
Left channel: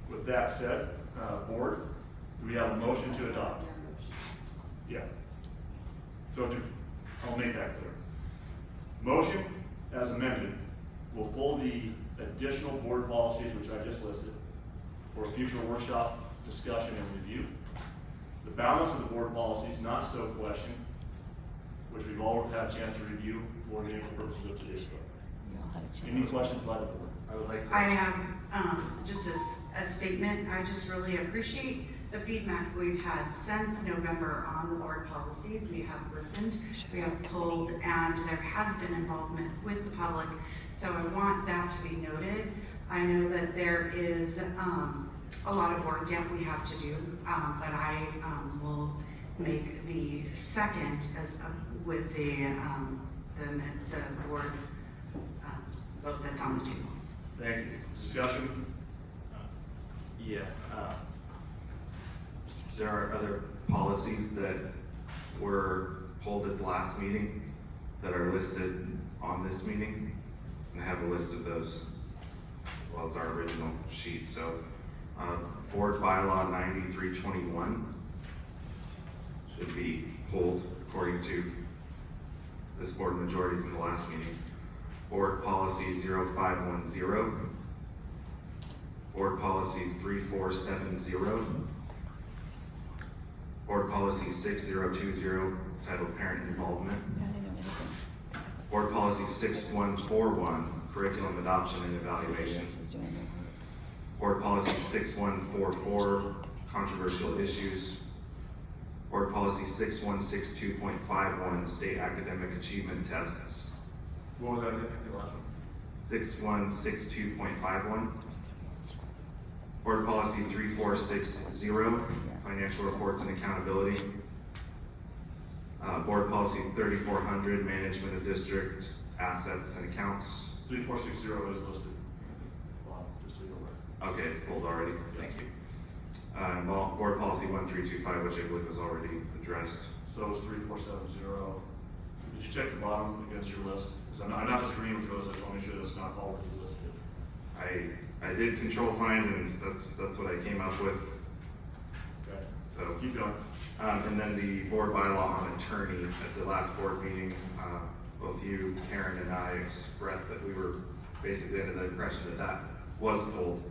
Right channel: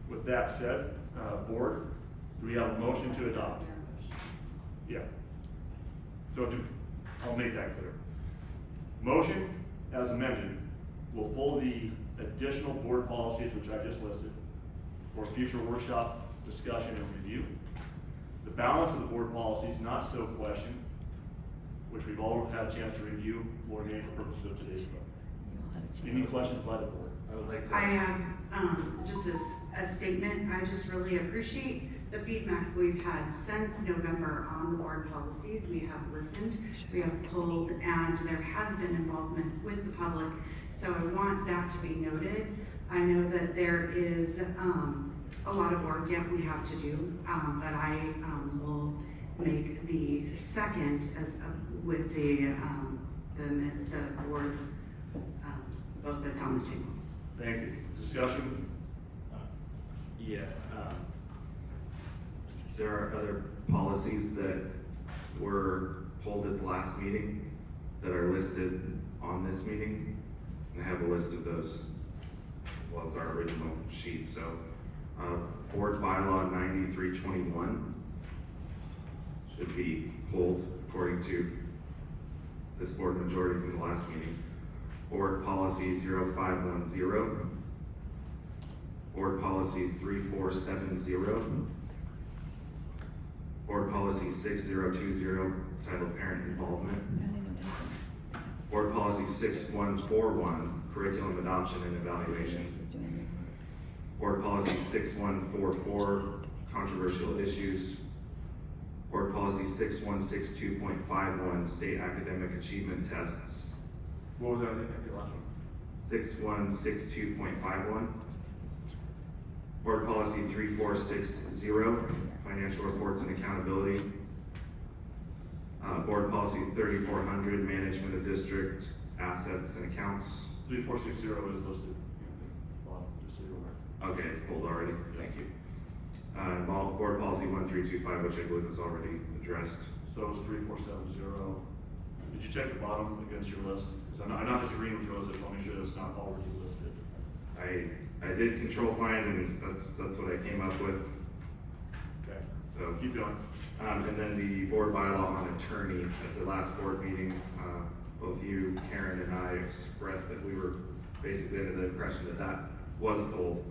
With that said, board, do we have a motion to adopt? Yeah. So I'll make that clear. Motion as amended will pull the additional board policies, which I just listed, for future workshop discussion and review. The balance of the board policies not so questioned, which we've all had a chance to review, will remain for purposes of today's vote. Any questions by the board? I would like to. I have just a statement. I just really appreciate the feedback we've had since November on the board policies. We have listened, we have pulled, and there has been involvement with the public. So I want that to be noted. I know that there is a lot of work yet we have to do, but I will make the second with the board vote that's on the table. Thank you. Discussion? Yes. There are other policies that were pulled at the last meeting that are listed on this meeting, and I have a list of those, as well as our original sheet. So, board bylaw 9321 should be pulled according to this board majority from the last meeting. Board policy 0510, board policy 3470, board policy 6020 titled parent involvement, I don't know anything. board policy 6141 curriculum adoption and evaluation, This is doing your homework. board policy 6144 controversial issues, board policy 6162.51 state academic achievement tests, What was that again? The last one? 6162.51, board policy 3460 financial reports and accountability, board policy 3400 management of district assets and accounts. 3460 is listed in the bottom, just so you're aware. Okay, it's pulled already, thank you. And board policy 1325, which I believe was already addressed. So it's 3470. Did you check the bottom against your list? Because I'm not disagreeing with yours, I just want to make sure that's not already listed. I did control find, and that's what I came up with. Okay, So keep going. and then the board bylaw on attorney at the last board meeting, both you, Karen, and I expressed that we were basically under the impression that that was pulled.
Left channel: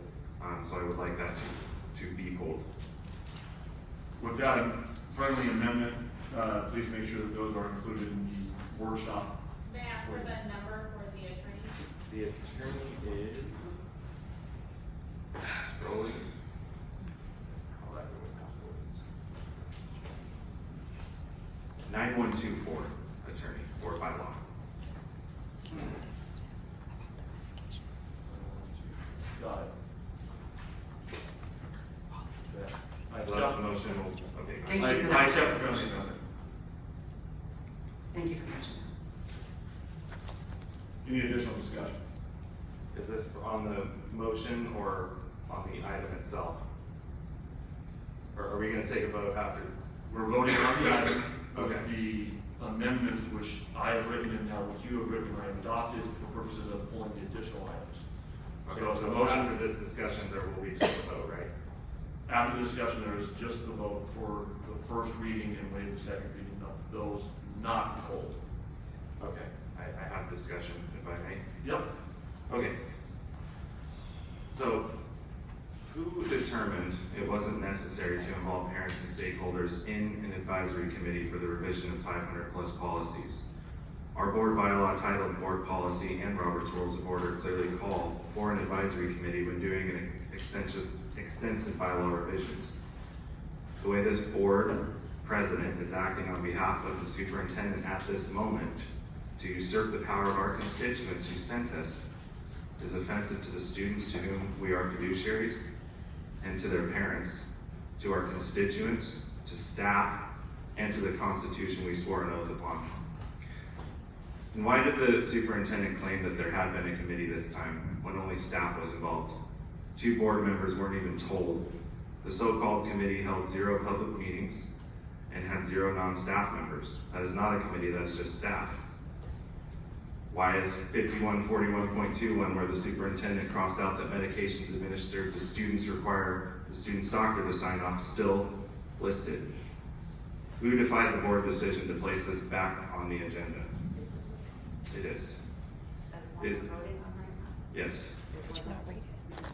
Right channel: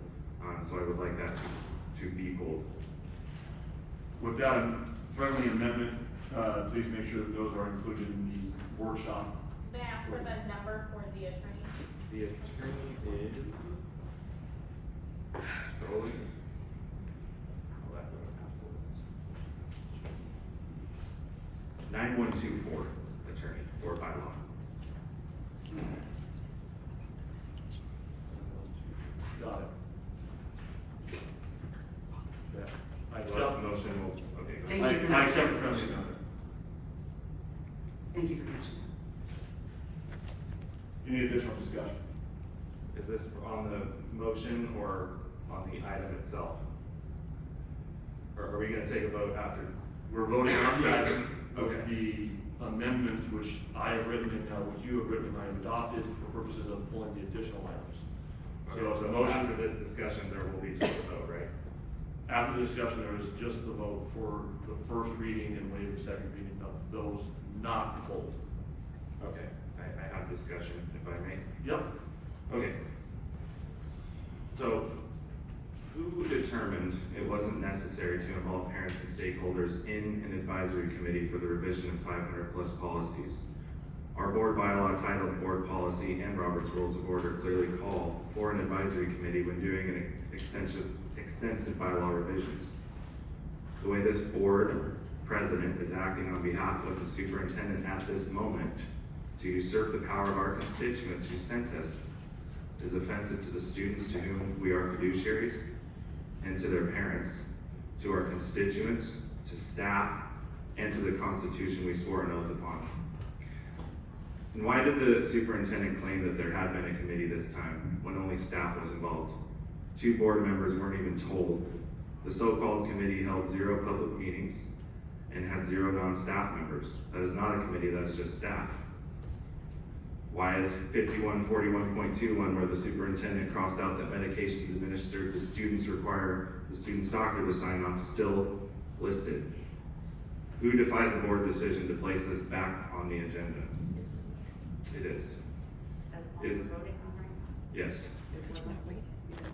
So I would like that to be pulled. With that friendly amendment, please make sure that those are included in the workshop. May I ask for the number for the attorney? The attorney is going. 9124 attorney or bylaw. Got it. Okay. I That's accept, the motion. Okay. Thank you for that. I accept the friendly amendment. Thank you for catching that. Any additional discussion? Is this on the motion or on the item itself? Or are we gonna take a vote after? We're voting on the item with Okay. the amendments which I have written and now which you have written and I have adopted for purposes of pulling the additional items. So it's a motion. After this discussion, there will be just a vote, right? After the discussion, there is just the vote for the first reading and waive the second reading of those not pulled. Okay, I have discussion, if I may. Yep. Okay. So, who determined it wasn't necessary to involve parents and stakeholders in an advisory committee for the revision of 500+ policies? Our board bylaw titled Board Policy and Robert's Rules of Order clearly call for an advisory committee when doing an extensive bylaw revisions. The way this board president is acting on behalf of the superintendent at this moment to usurp the power of our constituents who sent us is offensive to the students to whom we are fiduciaries, and to their parents, to our constituents, to staff, and to the Constitution we swore an oath upon. And why did the superintendent claim that there had been a committee this time when only staff was involved? 2 board members weren't even told. The so-called committee held 0 public meetings and had 0 non-staff members. That is not a committee, that is just staff. Why is 5141.21, where the superintendent crossed out that medications administered to students require the student's doctor to sign off, still listed? Who defied the board decision to place this back on the agenda? It is. That's what Is- we're voting on right now. Yes, It was not.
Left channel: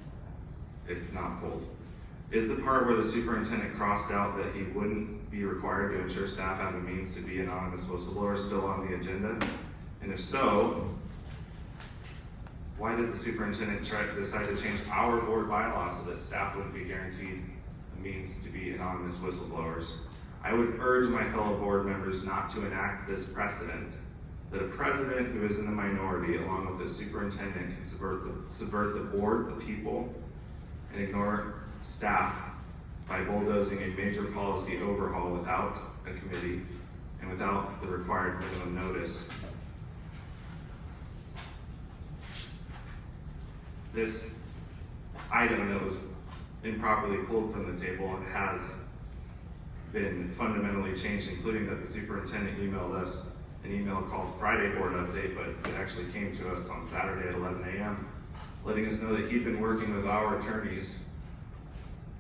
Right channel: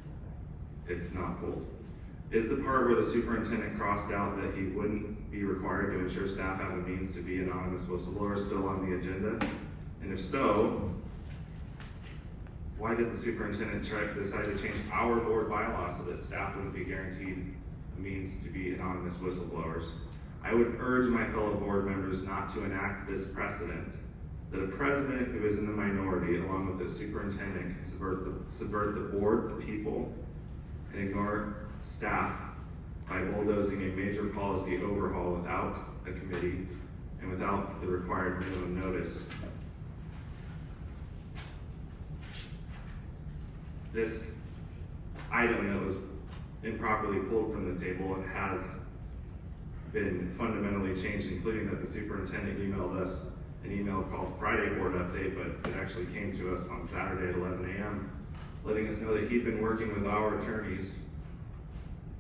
it's not pulled. Is the part where the superintendent crossed out that he wouldn't be required to ensure staff have a means to be anonymous whistleblowers still on the agenda? And if so, why did the superintendent decide to change our board bylaw so that staff wouldn't be guaranteed a means to be anonymous whistleblowers? I would urge my fellow board members not to enact this precedent, that a president who is in the minority, along with the superintendent, can subvert the board, the people, and ignore staff by bulldozing a major policy overhaul without a committee and without the required minimum notice. This item that was improperly pulled from the table has been fundamentally changed, including that the superintendent emailed us an email called Friday Board Update, but it actually came to us on Saturday at 11 a.m., letting us know that he'd been working with our attorneys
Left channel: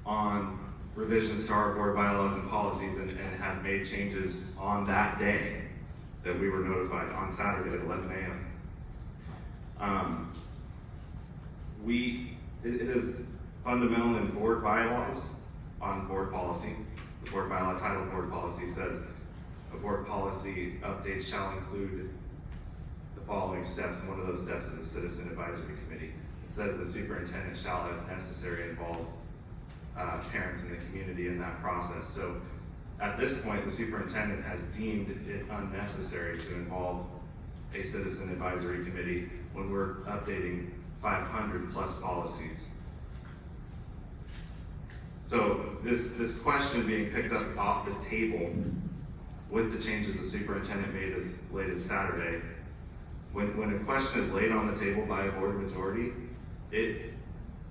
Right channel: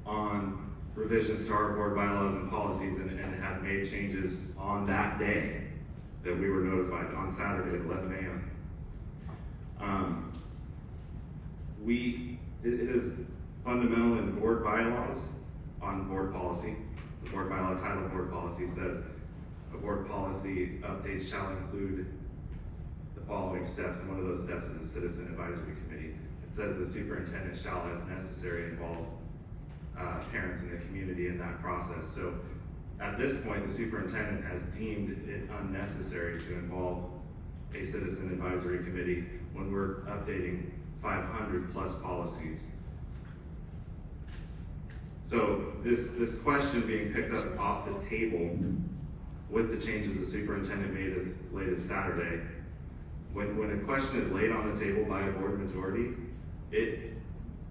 on revisions to our board bylaws and policies and had made changes on that day that we were notified on Saturday at 11 a.m. It is fundamental in board bylaws on board policy. The board bylaw title board policy says a board policy update shall include the following steps, and one of those steps is a citizen advisory committee. It says the superintendent shall, as necessary, involve parents in the community in that process. So at this point, the superintendent has deemed it unnecessary to involve a citizen advisory committee when we're updating 500 plus policies. So this question being picked up off the table with the changes the superintendent made as late as Saturday, when a question is laid on the table by a board majority, it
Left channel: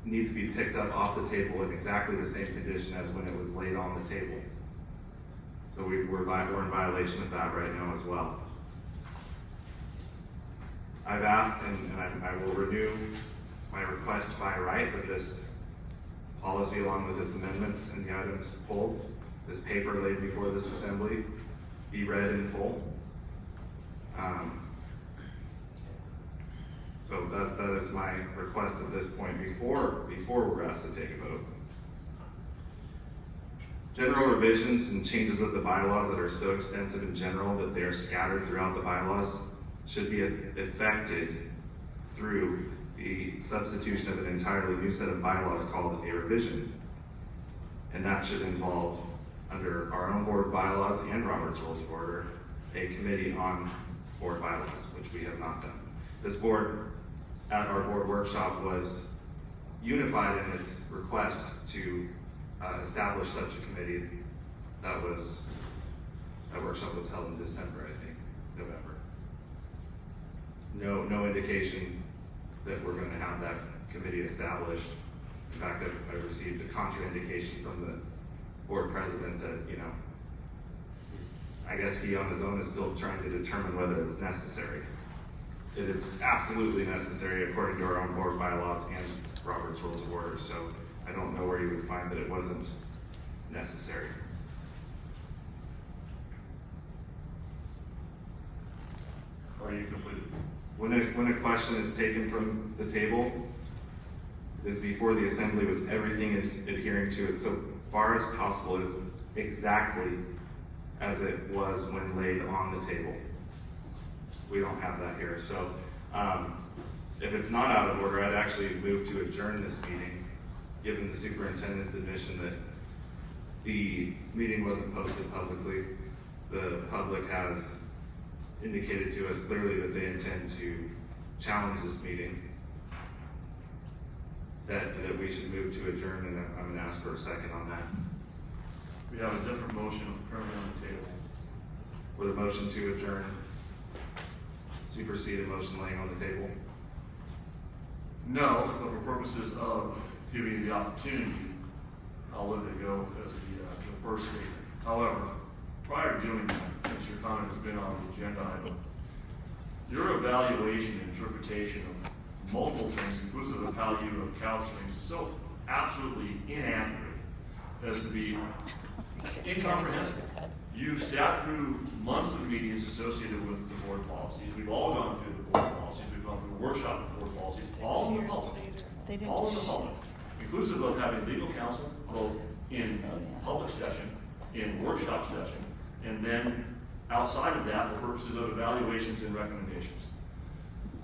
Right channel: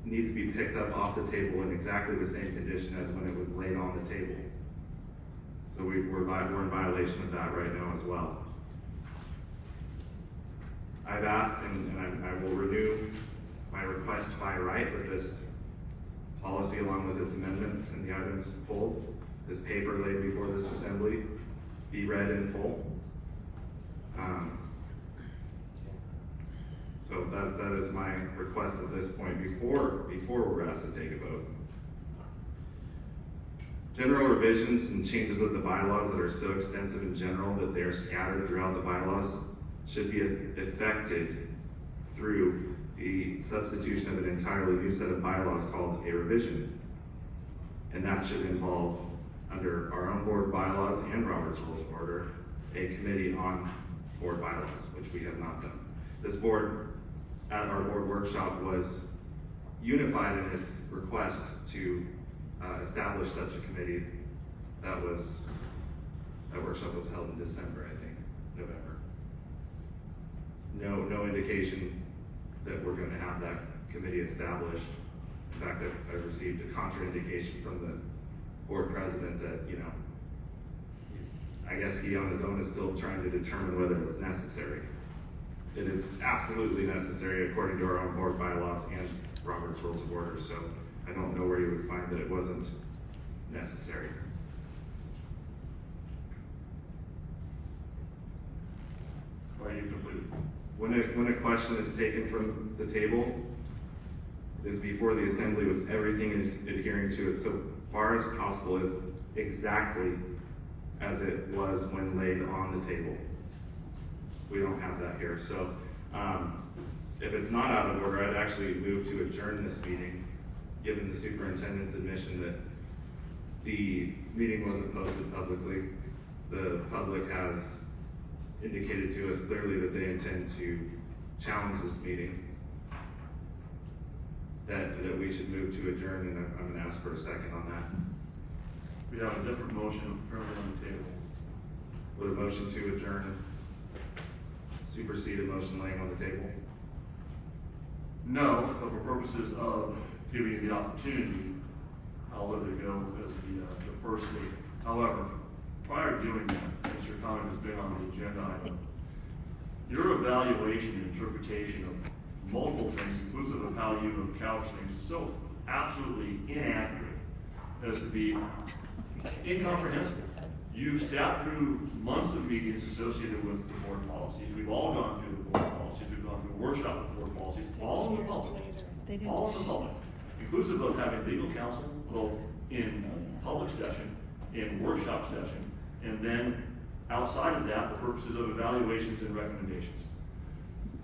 needs to be picked up off the table in exactly the same condition as when it was laid on the table. So we're in violation of that right now as well. I've asked, and I will renew my request by right that this policy, along with its amendments and the items pulled, this paper laid before this assembly, be read in full. So that is my request at this point before we're asked to take a vote. General revisions and changes of the bylaws that are so extensive in general that they are scattered throughout the bylaws should be effected through the substitution of an entirely new set of bylaws called a revision. And that should involve, under our own board bylaws and Robert's Rules of Order, a committee on board bylaws, which we have not done. This board, at our board workshop, was unified in its request to establish such a committee. That workshop was held in December, I think, November. No indication that we're going to have that committee established. In fact, I've received a contraindication from the board president that, I guess he on his own is still trying to determine whether it's necessary. It is absolutely necessary according to our own board bylaws and Robert's Rules of Order, so I don't know where you would find that it wasn't necessary. Are you complete? When a question is taken from the table, it is before the assembly with everything is adhering to it so far as possible, is exactly as it was when laid on the table. We don't have that here, so if it's not out of order, I'd actually move to adjourn this meeting, given the superintendent's admission that the meeting wasn't posted publicly. The public has indicated to us clearly that they intend to challenge this meeting, that we should move to adjourn, and I'm going to ask for a second on that. We have a different motion currently on the table. Would a motion to adjourn supersede a motion laying on the table? No, but for purposes of giving you the opportunity, I'll let it go as the first statement. However, prior to doing that, since your comment has been on the agenda item, your evaluation and interpretation of multiple things, inclusive of how you have couched things, is so absolutely inaccurate as to be incomprehensible. You've sat through months of meetings associated with the board policies. We've all gone through the board policies. We've gone through workshops with board policies, all in the public, inclusive of having legal counsel, both in public session, in workshop session, and then outside of that for purposes of evaluations and recommendations.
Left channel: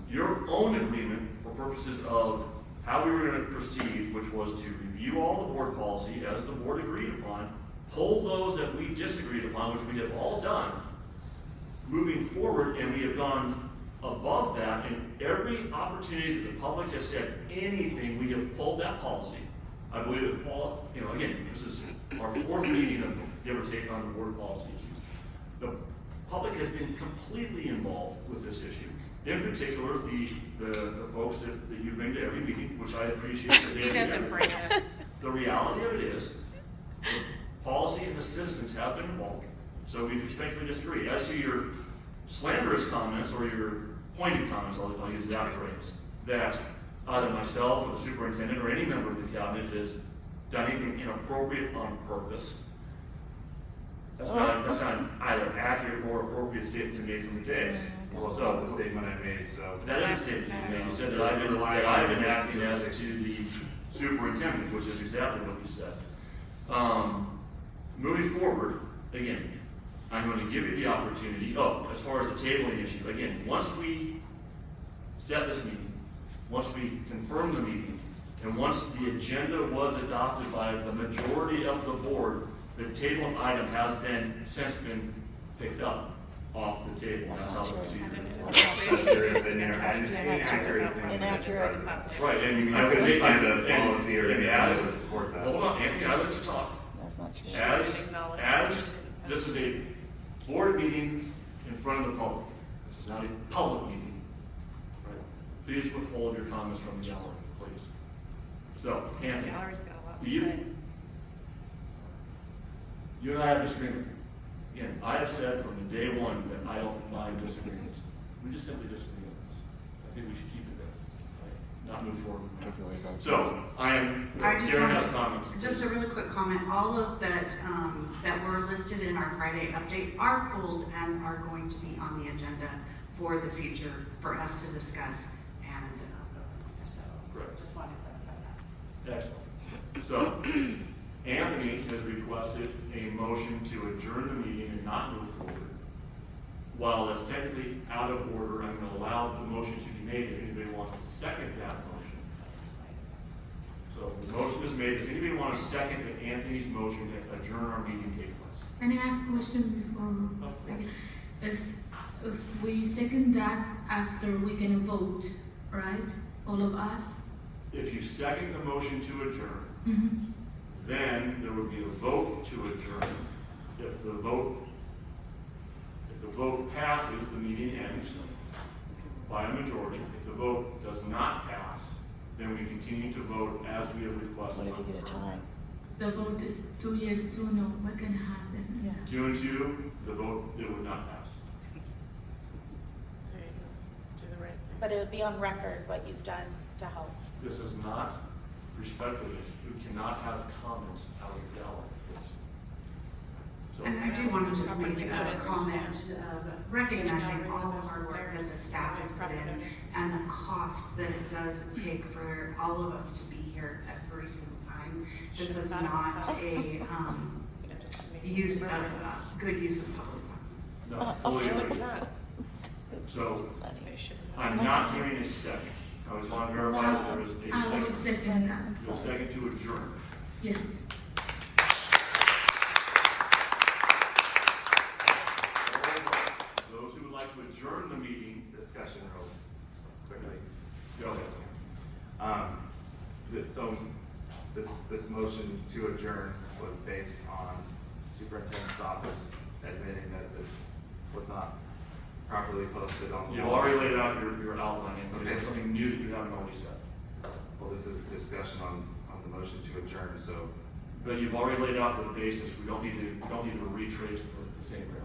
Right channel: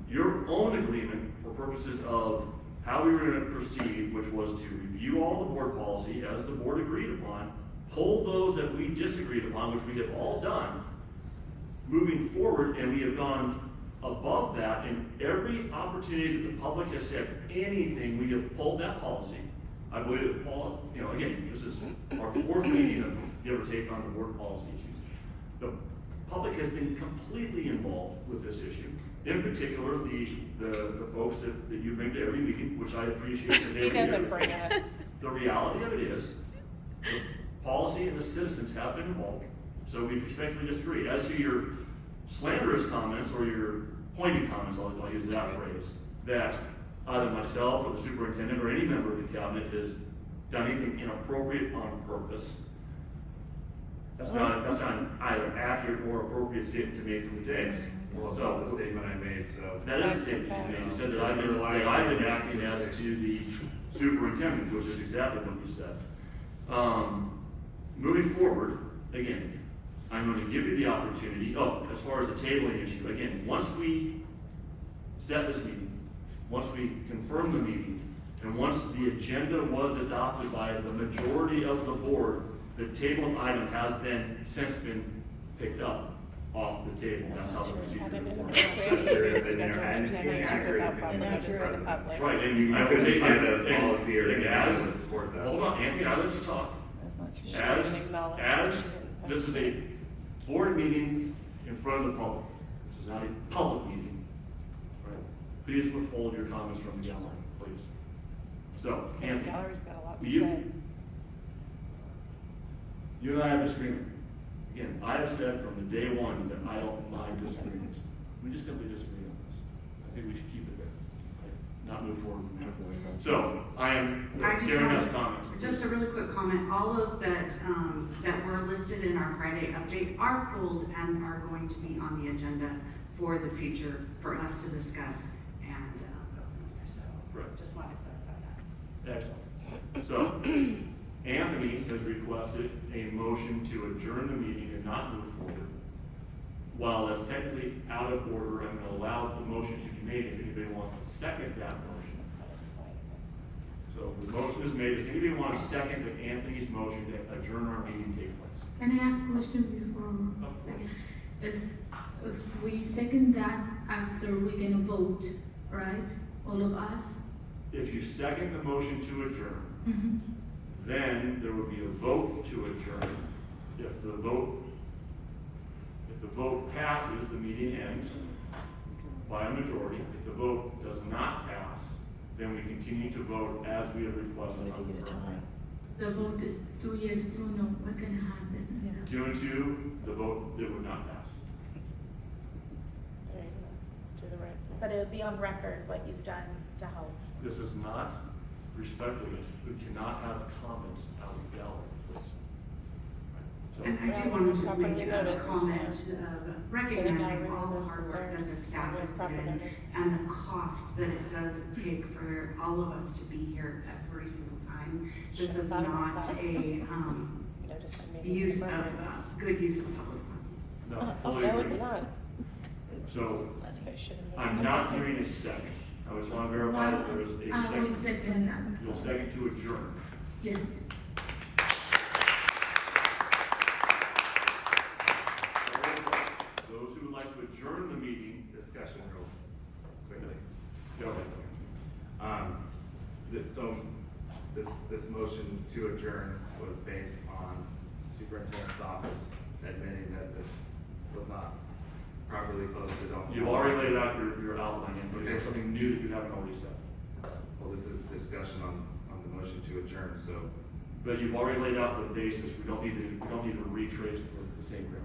Your own agreement for purposes of how we were going to proceed, which was to review all the board policy as the board agreed upon, pull those that we disagreed upon, which we have all done, moving forward, and we have gone above that in every opportunity that the public has said anything, we have pulled that policy. I believe that Paul, again, this is our fourth meeting of give or take on the board policy issues. The public has been completely involved with this issue. In particular, the folks that you bring to every meeting, which I appreciate. Who doesn't bring us? The reality of it is, the policy and the citizens have been involved, so we respectfully disagree. As to your slanderous comments or your pointed comments, I'll use that phrase, that either myself or the superintendent or any member of the cabinet has done anything inappropriate on purpose. That's not either accurate or appropriate statement to make from the dais. Well, it's not the statement I made, so. That is a statement you made. You said that I've been acting as to the superintendent, which is exactly what you said. Moving forward, again, I'm going to give you the opportunity, as far as the tabling issue, again, once we set this meeting, once we confirm the meeting, and once the agenda was adopted by the majority of the board, the table item has then since been picked up off the table. That's how the procedure works. Right, and I would take the policy or as, support that. hold on, Anthony, I let you talk. That's not true. As this is a board meeting in front of the public. This is not a public meeting, right? Please withhold your comments from the gallery, please. So, Anthony, Gallery's got a lot to you, say. you and I have disagreement. Again, I have said from the day one that I don't mind disagreements. We just simply disagree on this. I think we should keep it there, right? Not move forward from there. So, I am giving us comments. Just a really quick comment, all those that were listed in our Friday update are pulled and are going to be on the agenda for the future for us to discuss and Right. just wanted to clarify that. Excellent. So, Anthony has requested a motion to adjourn the meeting and not move forward. While that's technically out of order, I'm going to allow the motion to be made if anybody wants to second that motion. So the motion is made. Does anybody want to second that Anthony's motion to adjourn our meeting take place? Can I ask a question before? Of course. If we second that after we're gonna vote, right? All of us? If you second the motion to adjourn, Mm-hmm. then there would be a vote to adjourn. If the vote passes, the meeting ends by a majority. If the vote does not pass, then we continue to vote as we have requested on the program. The vote is 2 yes, 2 no. What can happen? 2 and 2, the vote, it would not pass. There you go, to the right. But it would be on record what you've done to help. This is not respectfulness. We cannot have comments out of the gallery, please. So, And I do want to just Properly make a noticed. comment of recognizing all the hard work that the staff has put in and the cost that it does take for all of us to be here every single time. This is not a, use of, good use of public funds. no, fully agree. So, I'm not hearing a second. I just want to verify that there is I will a second. second that. You'll second to adjourn. Yes. Those who would like to adjourn the meeting, Discussion real quickly. go ahead. So this motion to adjourn was based on superintendent's office admitting that this was not properly posted on. the You've wall. already laid out your outline, and is there Okay. something new that you haven't already said? Well, this is discussion on the motion to adjourn, so But you've already laid out the basis. We don't need to retrace for the same ground.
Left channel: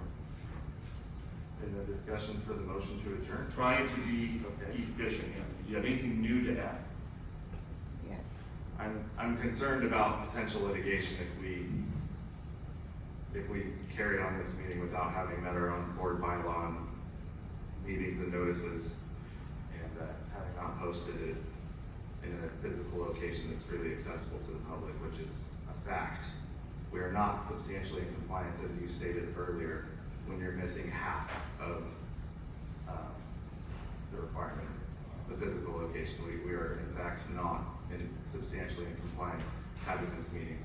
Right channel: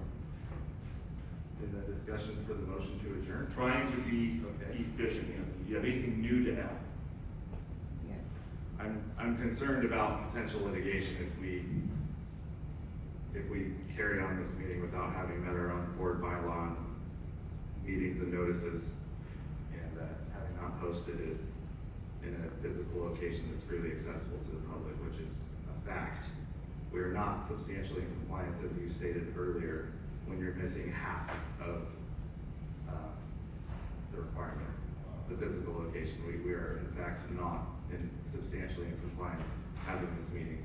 in the discussion for the motion to adjourn. Trying to be Okay. efficient, Anthony. Do you have anything new to add? I'm concerned about potential litigation if we carry on this meeting without having met our own board bylaw and meetings and notices, and having not posted it in a physical location that's freely accessible to the public, which is a fact. We are not substantially in compliance, as you stated earlier, when you're missing half of the requirement, the physical location. We are in fact not substantially in compliance having this meeting.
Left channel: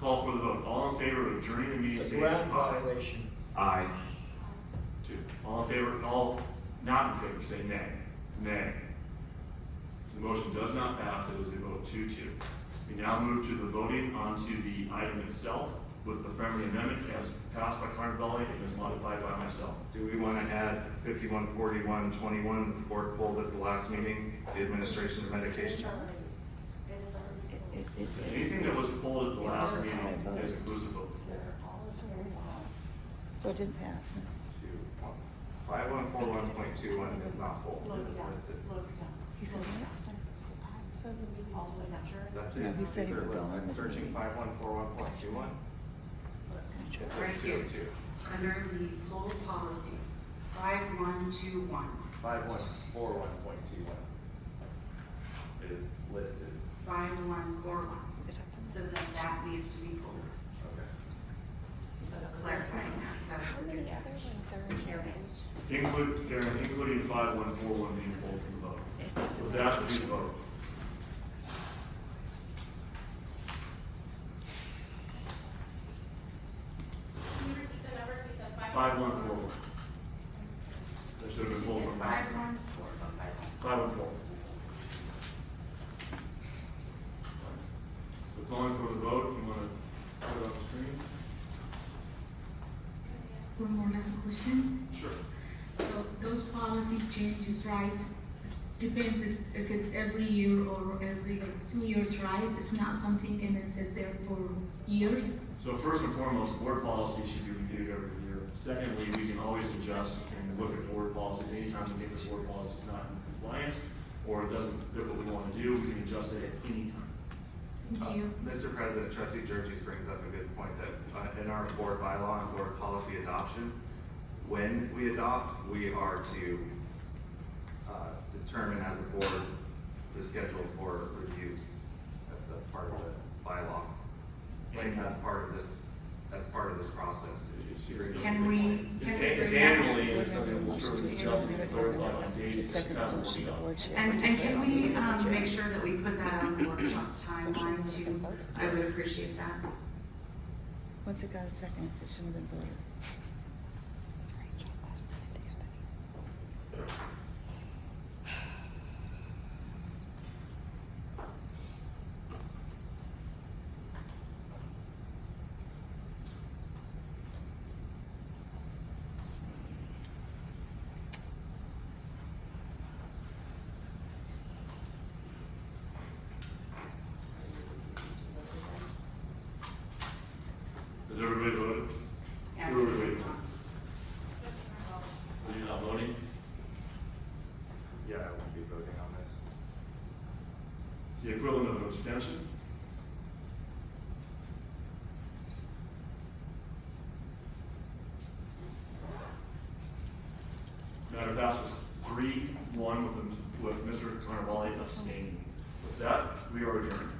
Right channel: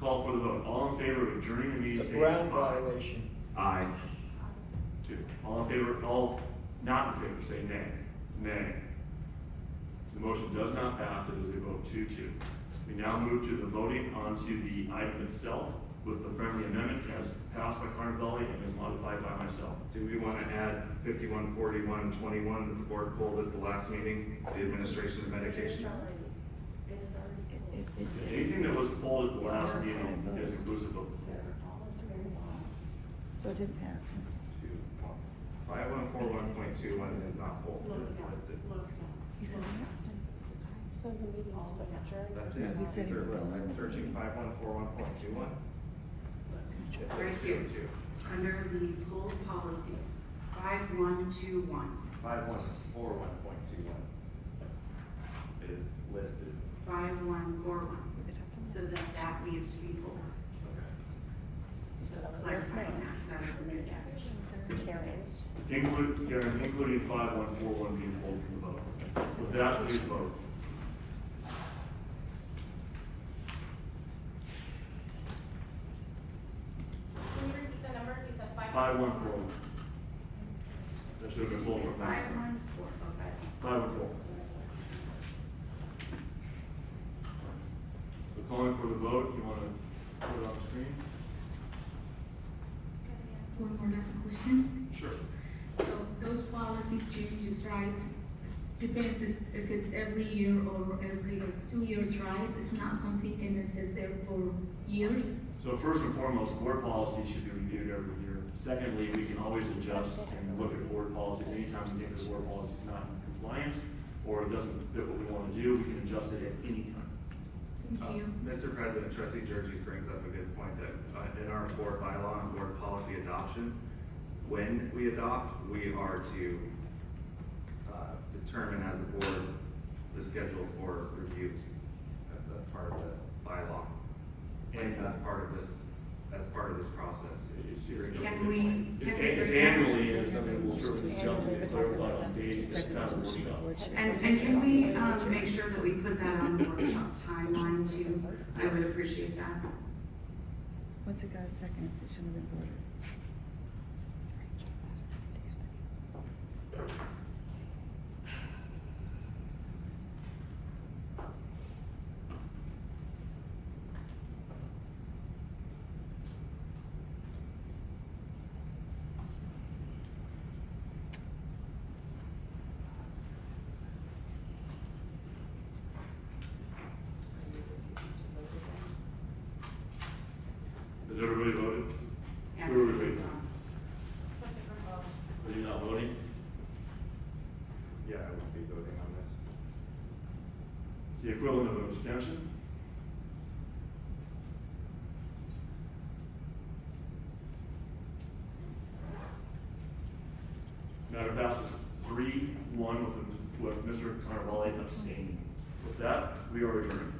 Call for the vote. All in favor of adjourning the meeting, It's a say ground aye. violation. Aye. 2. All in favor, all not in favor, say nay. Nay. The motion does not pass. It was a vote 2-2. We now move to the voting onto the item itself with the friendly amendment as passed by Carnevale and as modified by myself. Do we want to add 514121 that the board pulled at the last meeting, the administration of medication? Anything that was pulled at the last meeting is inclusive of the poll. So it didn't pass. 5141.21 is not full, it's listed. He said, That's No, it. he said he would go on. I'm searching 5141.21. Right here, under the poll policies, 5121. 5141.21 is listed. 5141. So that needs to be pulled. So clarifying that is in there. Including 5141 being pulled from the vote. With that, please vote. Can you repeat the number? You said 5141. That should have been pulled from last time. 514. So calling for the vote, you want to put it on the screen? One more last question. Sure. So those policy changes, right? Depends if it's every year or every like 2 years, right? It's not something gonna sit there for years. So first and foremost, board policy should be reviewed every year. Secondly, we can always adjust and look at board policies anytime we think the board policy is not in compliance or it doesn't fit what we want to do, we can adjust it at any time. Thank you. Mr. President, Trustee Jirgees brings up a good point that in our board bylaw and board policy adoption, when we adopt, we are to determine as a board the schedule for review. That's part of the bylaw. And that's part of this, process. Can we? It's annually and it's something that we'll certainly discuss and clarify on dates, it's kind of a workshop. And can we, make sure that we put that on the workshop timeline too? I would appreciate that. once it got a second, it shouldn't have been voted. Has everybody voted? Who are we waiting on? Are you not voting? Yeah, I won't be voting on this. It's the equivalent of an abstention. Matter passes 3-1 with Mr. Carnevale abstaining. With that, we are adjourned.